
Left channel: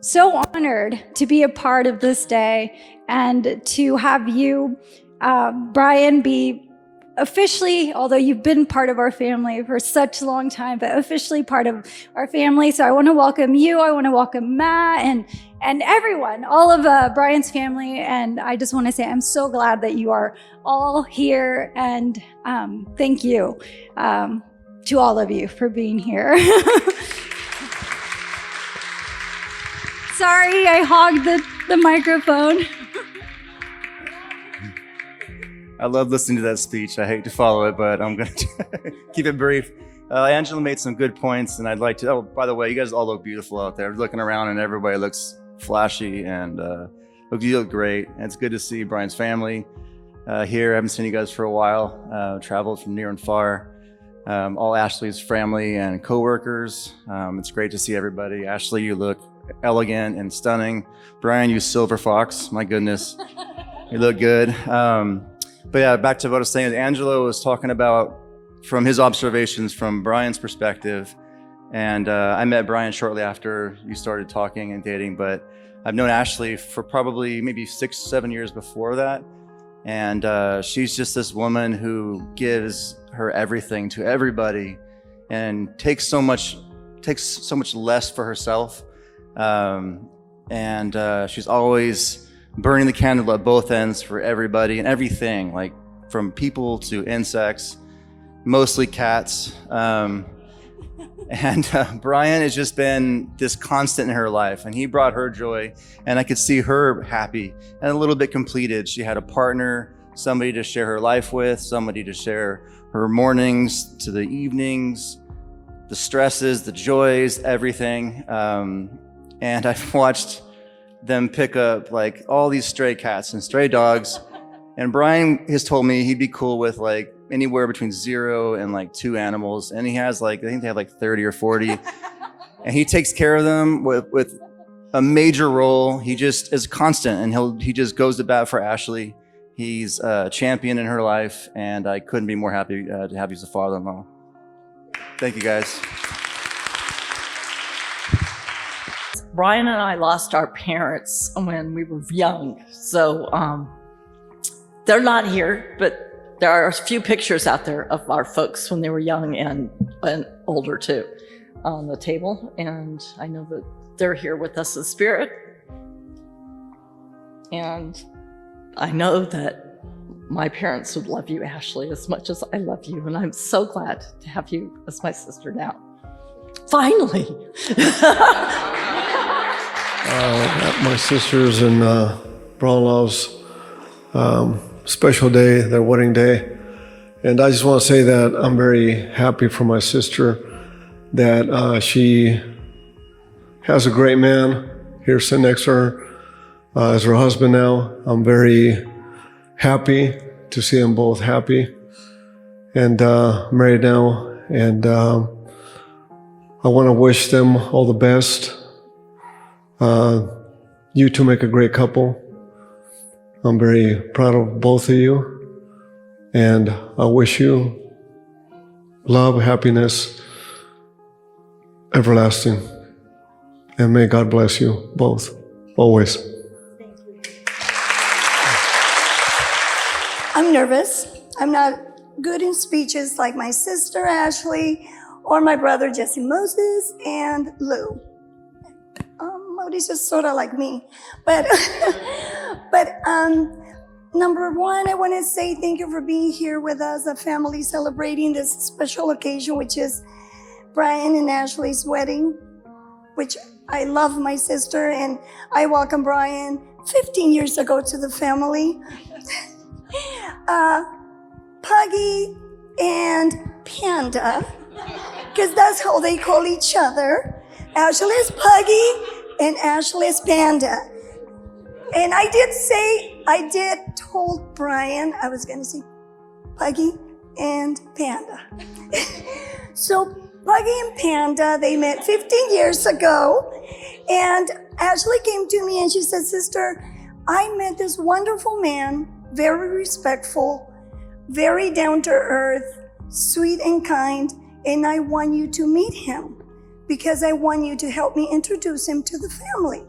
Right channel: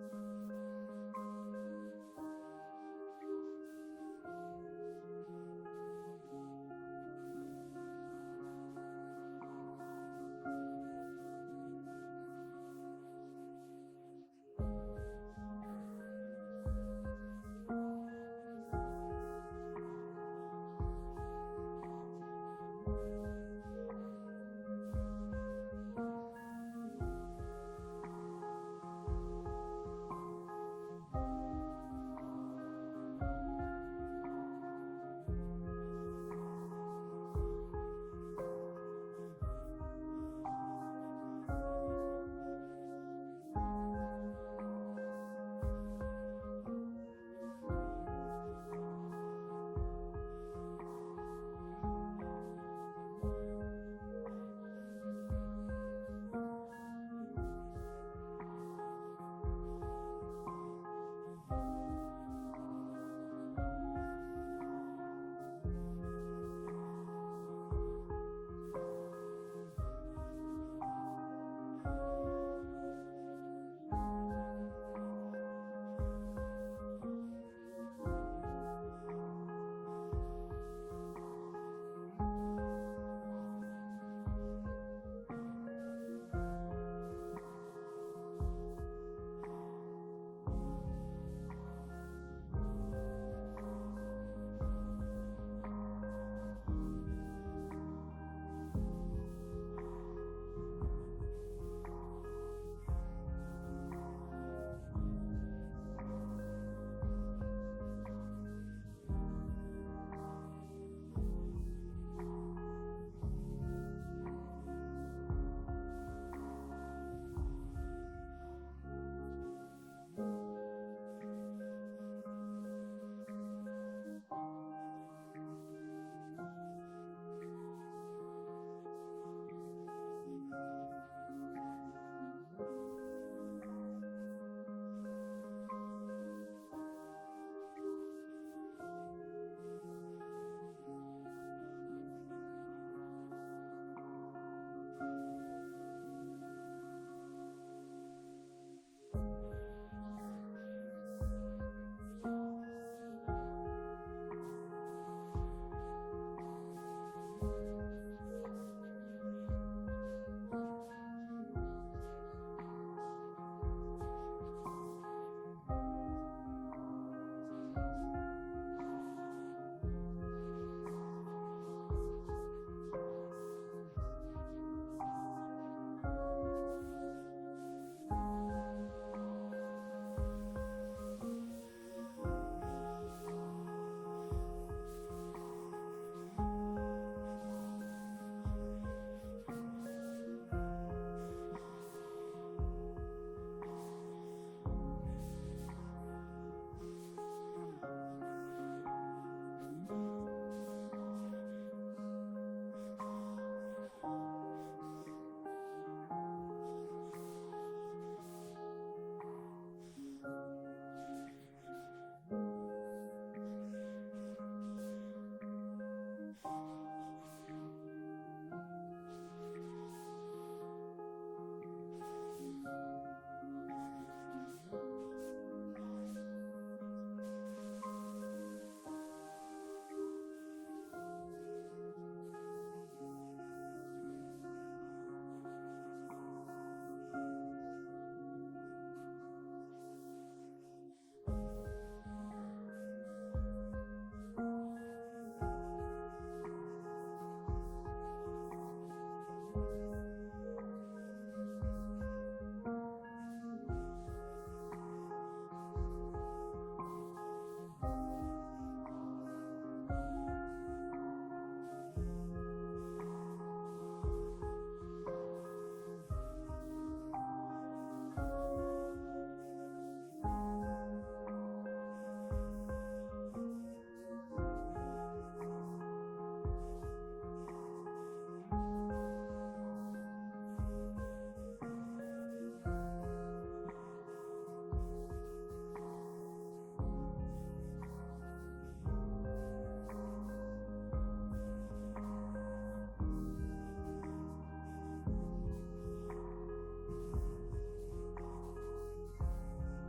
so honored to be a part of this day and to have you, Brian, be officially, although you've been part of our family for such a long time, but officially part of our family. So I want to welcome you. I want to welcome Matt and everyone, all of Brian's family. And I just want to say I'm so glad that you are all here. And thank you to all of you for being here. Sorry, I hogged the microphone. I love listening to that speech. I hate to follow it, but I'm going to keep it brief. Angela made some good points, and I'd like to, by the way, you guys all look beautiful out there. Looking around and everybody looks flashy and you look great. And it's good to see Brian's family here. I haven't seen you guys for a while. Traveled from near and far. All Ashley's family and coworkers. It's great to see everybody. Ashley, you look elegant and stunning. Brian, you silver fox. My goodness, you look good. But yeah, back to what I was saying. Angelo was talking about from his observations from Brian's perspective. And I met Brian shortly after you started talking and dating, but I've known Ashley for probably maybe 6-7 years before that. And she's just this woman who gives her everything to everybody and takes so much less for herself. And she's always burning the candle at both ends for everybody and everything, like from people to insects, mostly cats. And Brian has just been this constant in her life, and he brought her joy, and I could see her happy and a little bit completed. She had a partner, somebody to share her life with, somebody to share her mornings to the evenings, the stresses, the joys, everything. And I've watched them pick up like all these stray cats and stray dogs. And Brian has told me he'd be cool with like anywhere between 0 and like 2 animals. And he has like, I think they have like 30 or 40. And he takes care of them with a major role. He just is constant, and he just goes to bat for Ashley. He's a champion in her life, and I couldn't be more happy to have you as a father-in-law. Thank you, guys. Brian and I lost our parents when we were young. So they're not here, but there are a few pictures out there of our folks when they were young and older too on the table. And I know that they're here with us in spirit. And I know that my parents would love you, Ashley, as much as I love you. And I'm so glad to have you as my sister now. Finally. My sisters and brother-in-law's special day, their wedding day. And I just want to say that I'm very happy for my sister that she has a great man here sitting next to her as her husband now. I'm very happy to see them both happy and married now. And I want to wish them all the best. You two make a great couple. I'm very proud of both of you. And I wish you love, happiness, everlasting. And may God bless you both, always. I'm nervous. I'm not good in speeches like my sister Ashley or my brother Jesse Moses and Lou. Mody's just sort of like me. But number one, I want to say thank you for being here with us, a family celebrating this special occasion, which is Brian and Ashley's wedding, which I love my sister, and I welcomed Brian 15 years ago to the family. Puggy and Panda, because that's how they call each other. Ashley is Puggy and Ashley is Panda. And I did told Brian I was gonna say Puggy and Panda. So Puggy and Panda, they met 15 years ago, and Ashley came to me and she said, "Sister, I met this wonderful man, very respectful, very down to earth, sweet and kind, and I want you to meet him because I want you to help me introduce him to the family."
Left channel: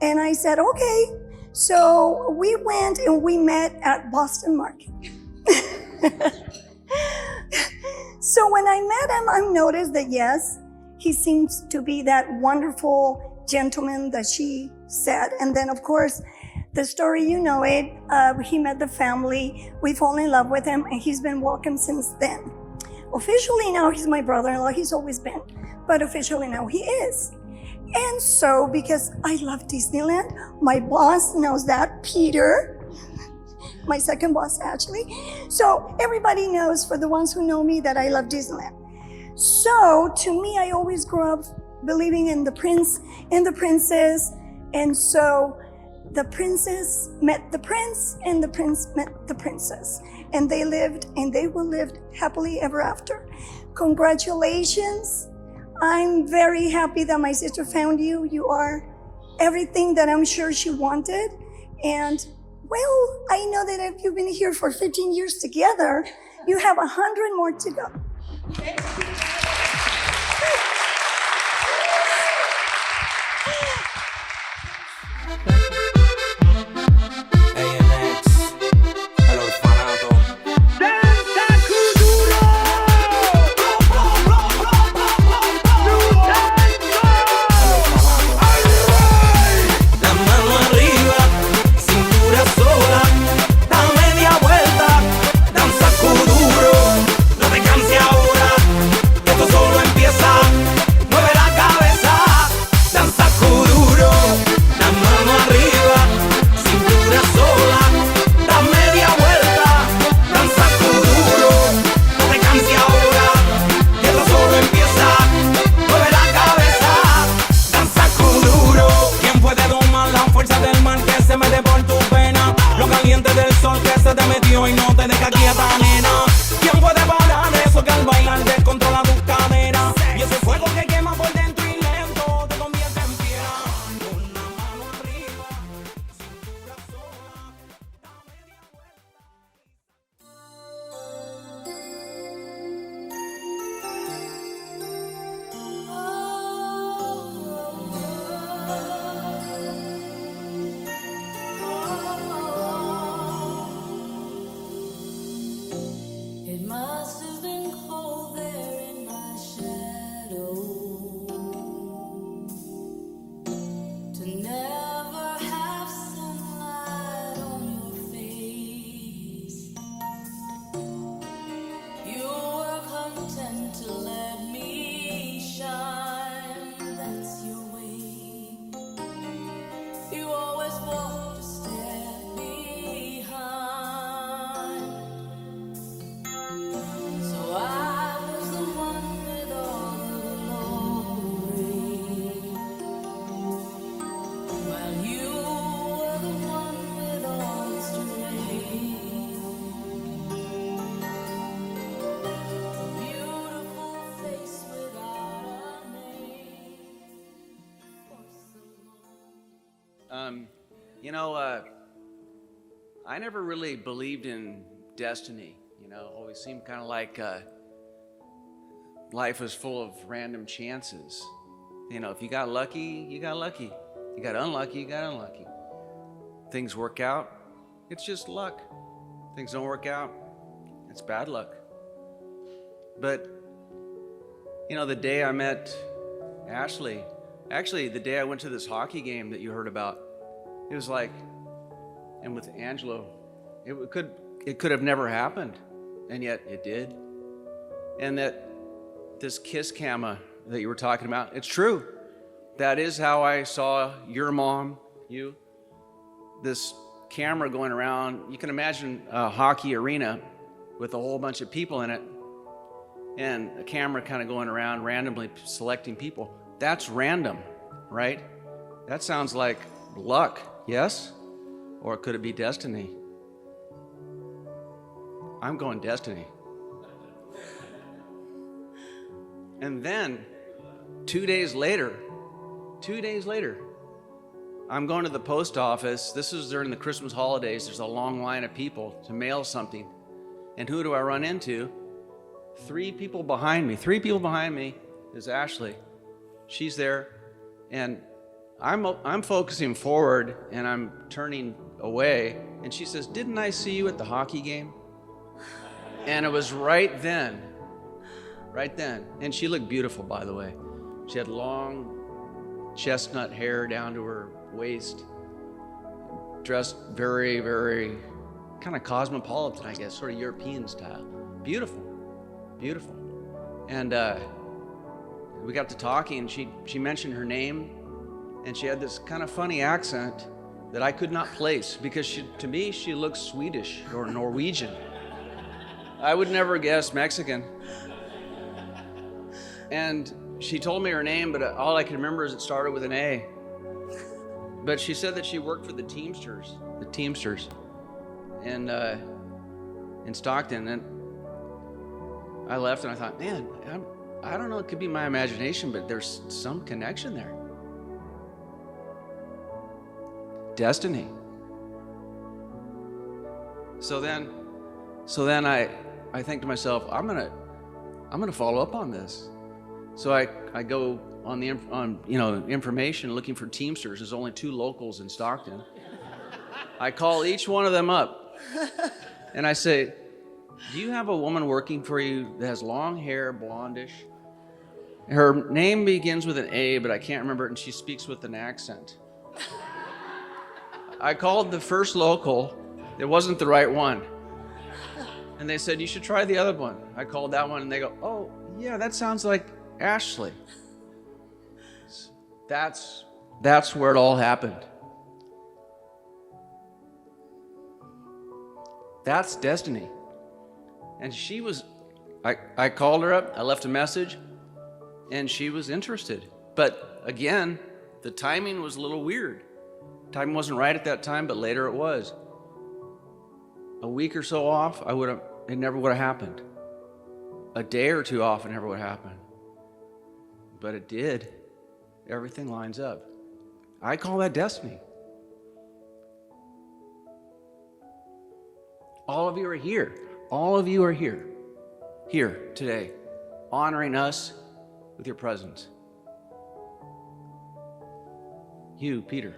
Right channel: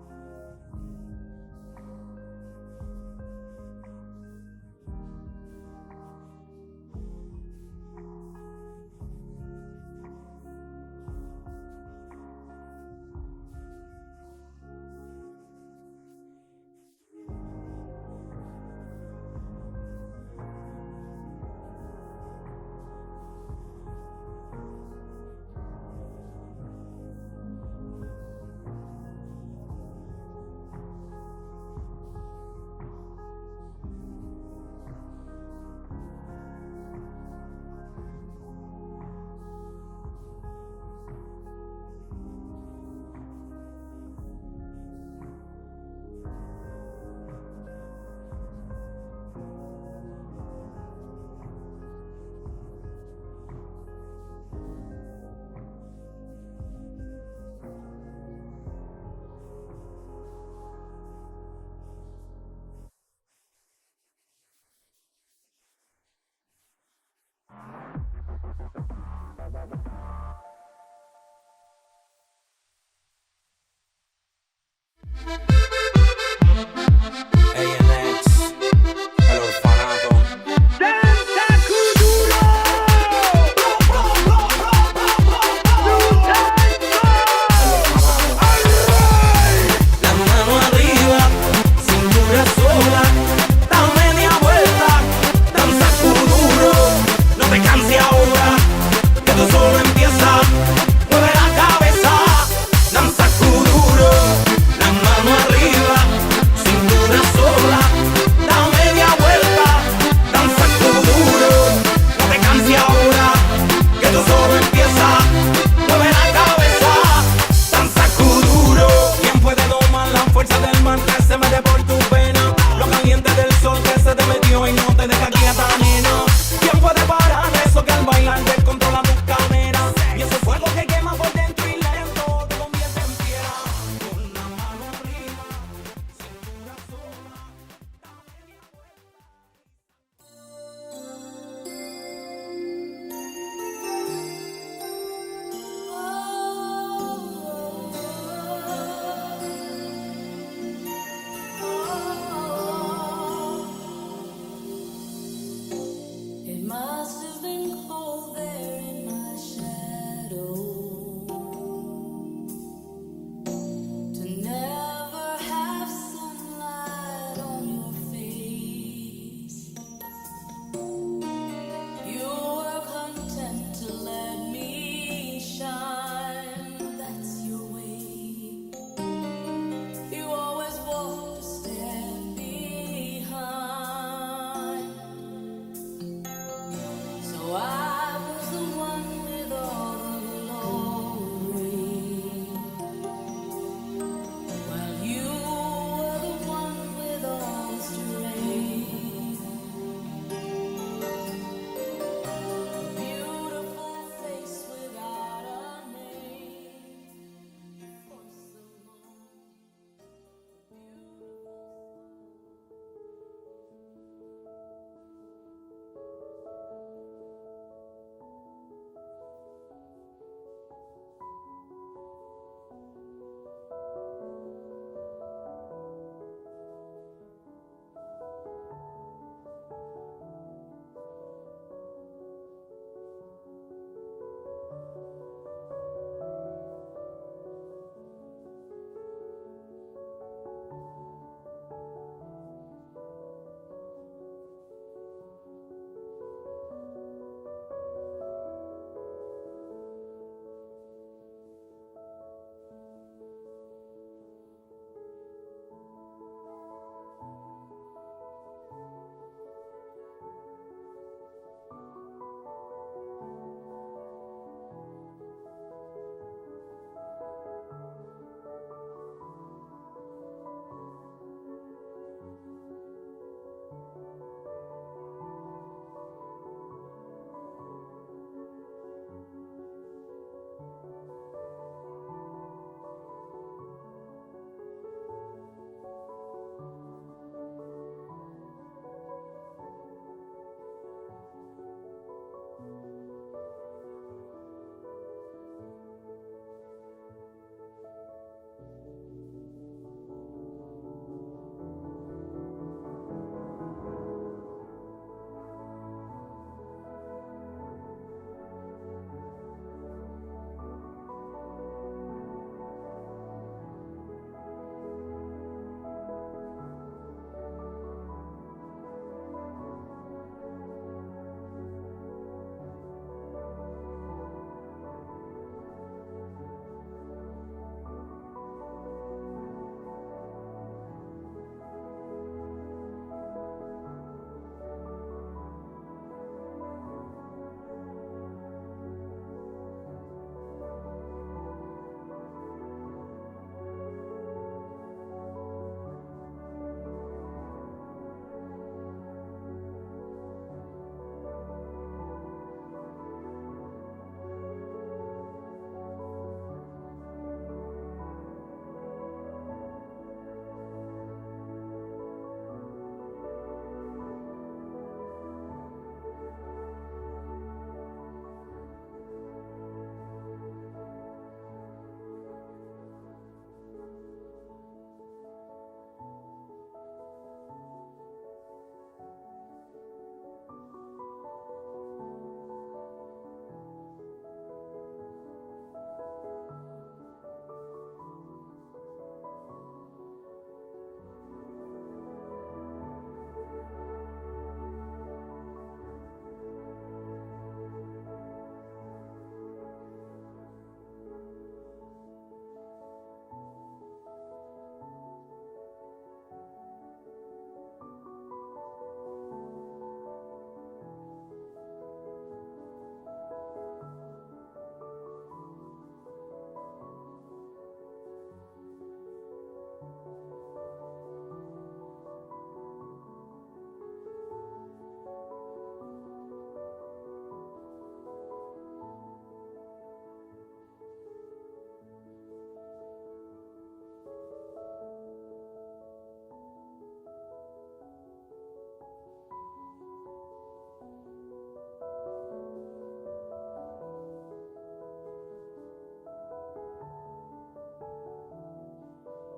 And I said, okay. So we went and we met at Boston Market. So when I met him, I noticed that yes, he seems to be that wonderful gentleman that she said. And then of course, the story, you know it, he met the family, we fall in love with him, and he's been welcome since then. Officially now, he's my brother-in-law, he's always been, but officially now he is. And so, because I love Disneyland, my boss knows that, Peter, my second boss actually. So everybody knows, for the ones who know me, that I love Disneyland. So to me, I always grew up believing in the prince and the princess. And so the princess met the prince and the prince met the princess. And they lived and they will live happily ever after. Congratulations. I'm very happy that my sister found you. You are everything that I'm sure she wanted. And well, I know that if you've been here for 15 years together, you have 100 more to go. Ahora, esto solo empieza. I never really believed in destiny. Always seemed kind of like life was full of random chances. If you got lucky, you got lucky. You got unlucky, you got unlucky. Things work out, it's just luck. Things don't work out, it's bad luck. But, the day I met Ashley, actually the day I went to this hockey game that you heard about, it was like, and with Angelo, it could have never happened, and yet it did. And that this kiss cama that you were talking about, it's true. That is how I saw your mom, you. This camera going around, you can imagine a hockey arena with a whole bunch of people in it, and a camera kind of going around randomly selecting people. That's random, right? That sounds like luck, yes? Or could it be destiny? I'm going destiny. And then 2 days later, I'm going to the post office. This is during the Christmas holidays. There's a long line of people to mail something. And who do I run into? 3 people behind me. 3 people behind me is Ashley. She's there. And I'm focusing forward and I'm turning away. And she says, "Didn't I see you at the hockey game?" And it was right then. And she looked beautiful, by the way. She had long chestnut hair down to her waist, dressed very, very kind of cosmopolitan, I guess, sort of European style. Beautiful. And we got to talking, and she mentioned her name, and she had this kind of funny accent that I could not place because to me she looked Swedish or Norwegian. I would never guess Mexican. And she told me her name, but all I can remember is it started with an A. But she said that she worked for the Teamsters and in Stockton. And I left and I thought, man, I don't know, it could be my imagination, but there's some connection there. Destiny. So then I think to myself, I'm gonna follow up on this. So I go on information looking for Teamsters. There's only 2 locals in Stockton. I call each one of them up and I say, "Do you have a woman working for you that has long hair, blondish? Her name begins with an A, but I can't remember it, and she speaks with an accent." I called the first local. It wasn't the right one. And they said, "You should try the other one." I called that one and they go, "Oh, yeah, that sounds like Ashley." That's where it all happened. That's destiny. And she was, I called her up, I left a message, and she was interested. But again, the timing was a little weird. Timing wasn't right at that time, but later it was. A week or so off, it never would have happened. A day or 2 off, it never would have happened. But it did. Everything lines up. I call that destiny. All of you are here. All of you are here today, honoring us with your presence. You, Peter,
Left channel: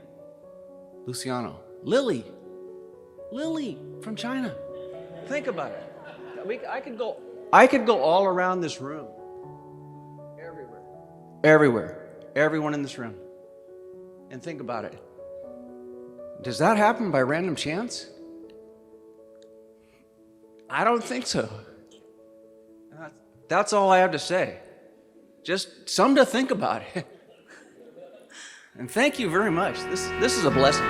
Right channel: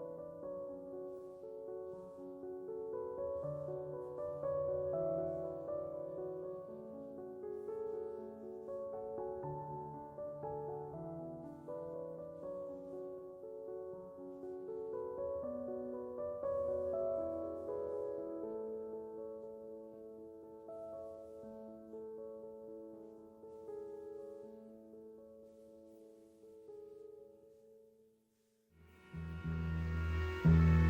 Luciano, Lily from China. Think about it. I could go all around this room. Everywhere. Everyone in this room. And think about it. Does that happen by random chance? I don't think so. That's all I have to say. Just something to think about. And thank you very much. This is a blessing.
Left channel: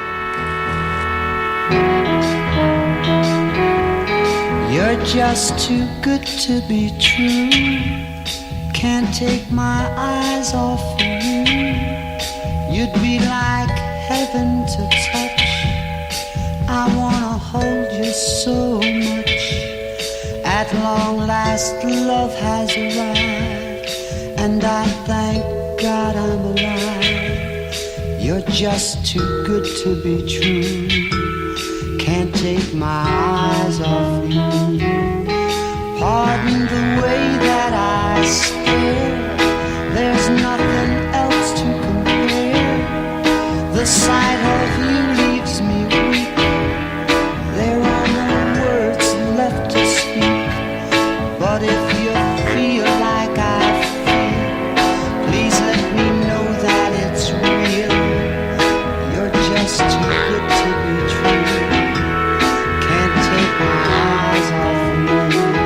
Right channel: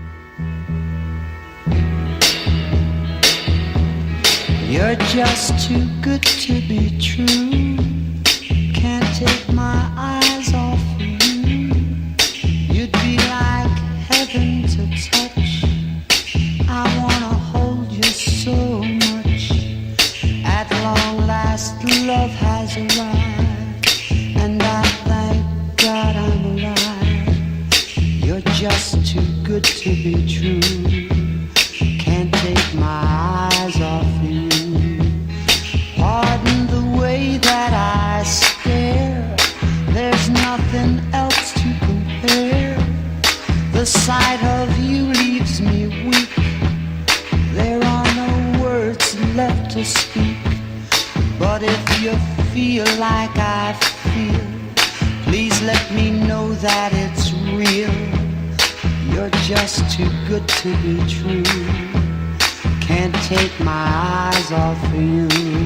You're just too good to be true. Can't take my eyes off of you. You'd be like heaven to touch. I wanna hold you so much. At long last, love has arrived, and I thank God I'm alive. You're just too good to be true. Can't take my eyes off you. Pardon the way that I stare. There's nothing else to compare. The sight of you leaves me weak. There are no words left to speak. But if you feel like I feel, please let me know that it's real. You're just too good to be true. Can't take my eyes off you.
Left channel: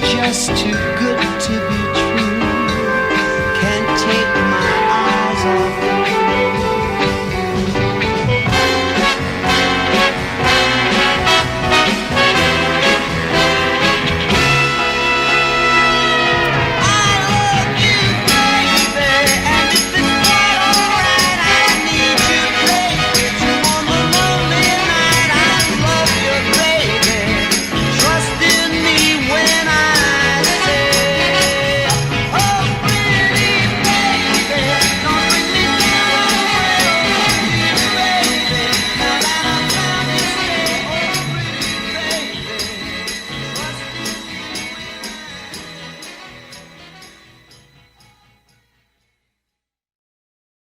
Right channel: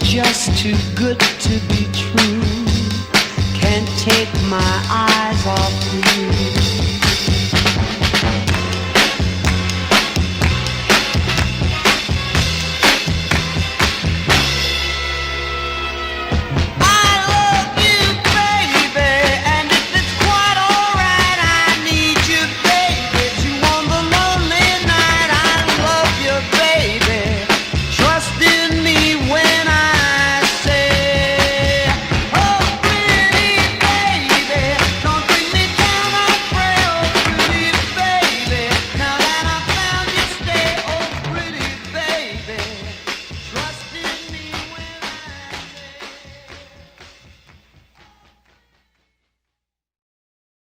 Just too good to be true. Can't take my eyes off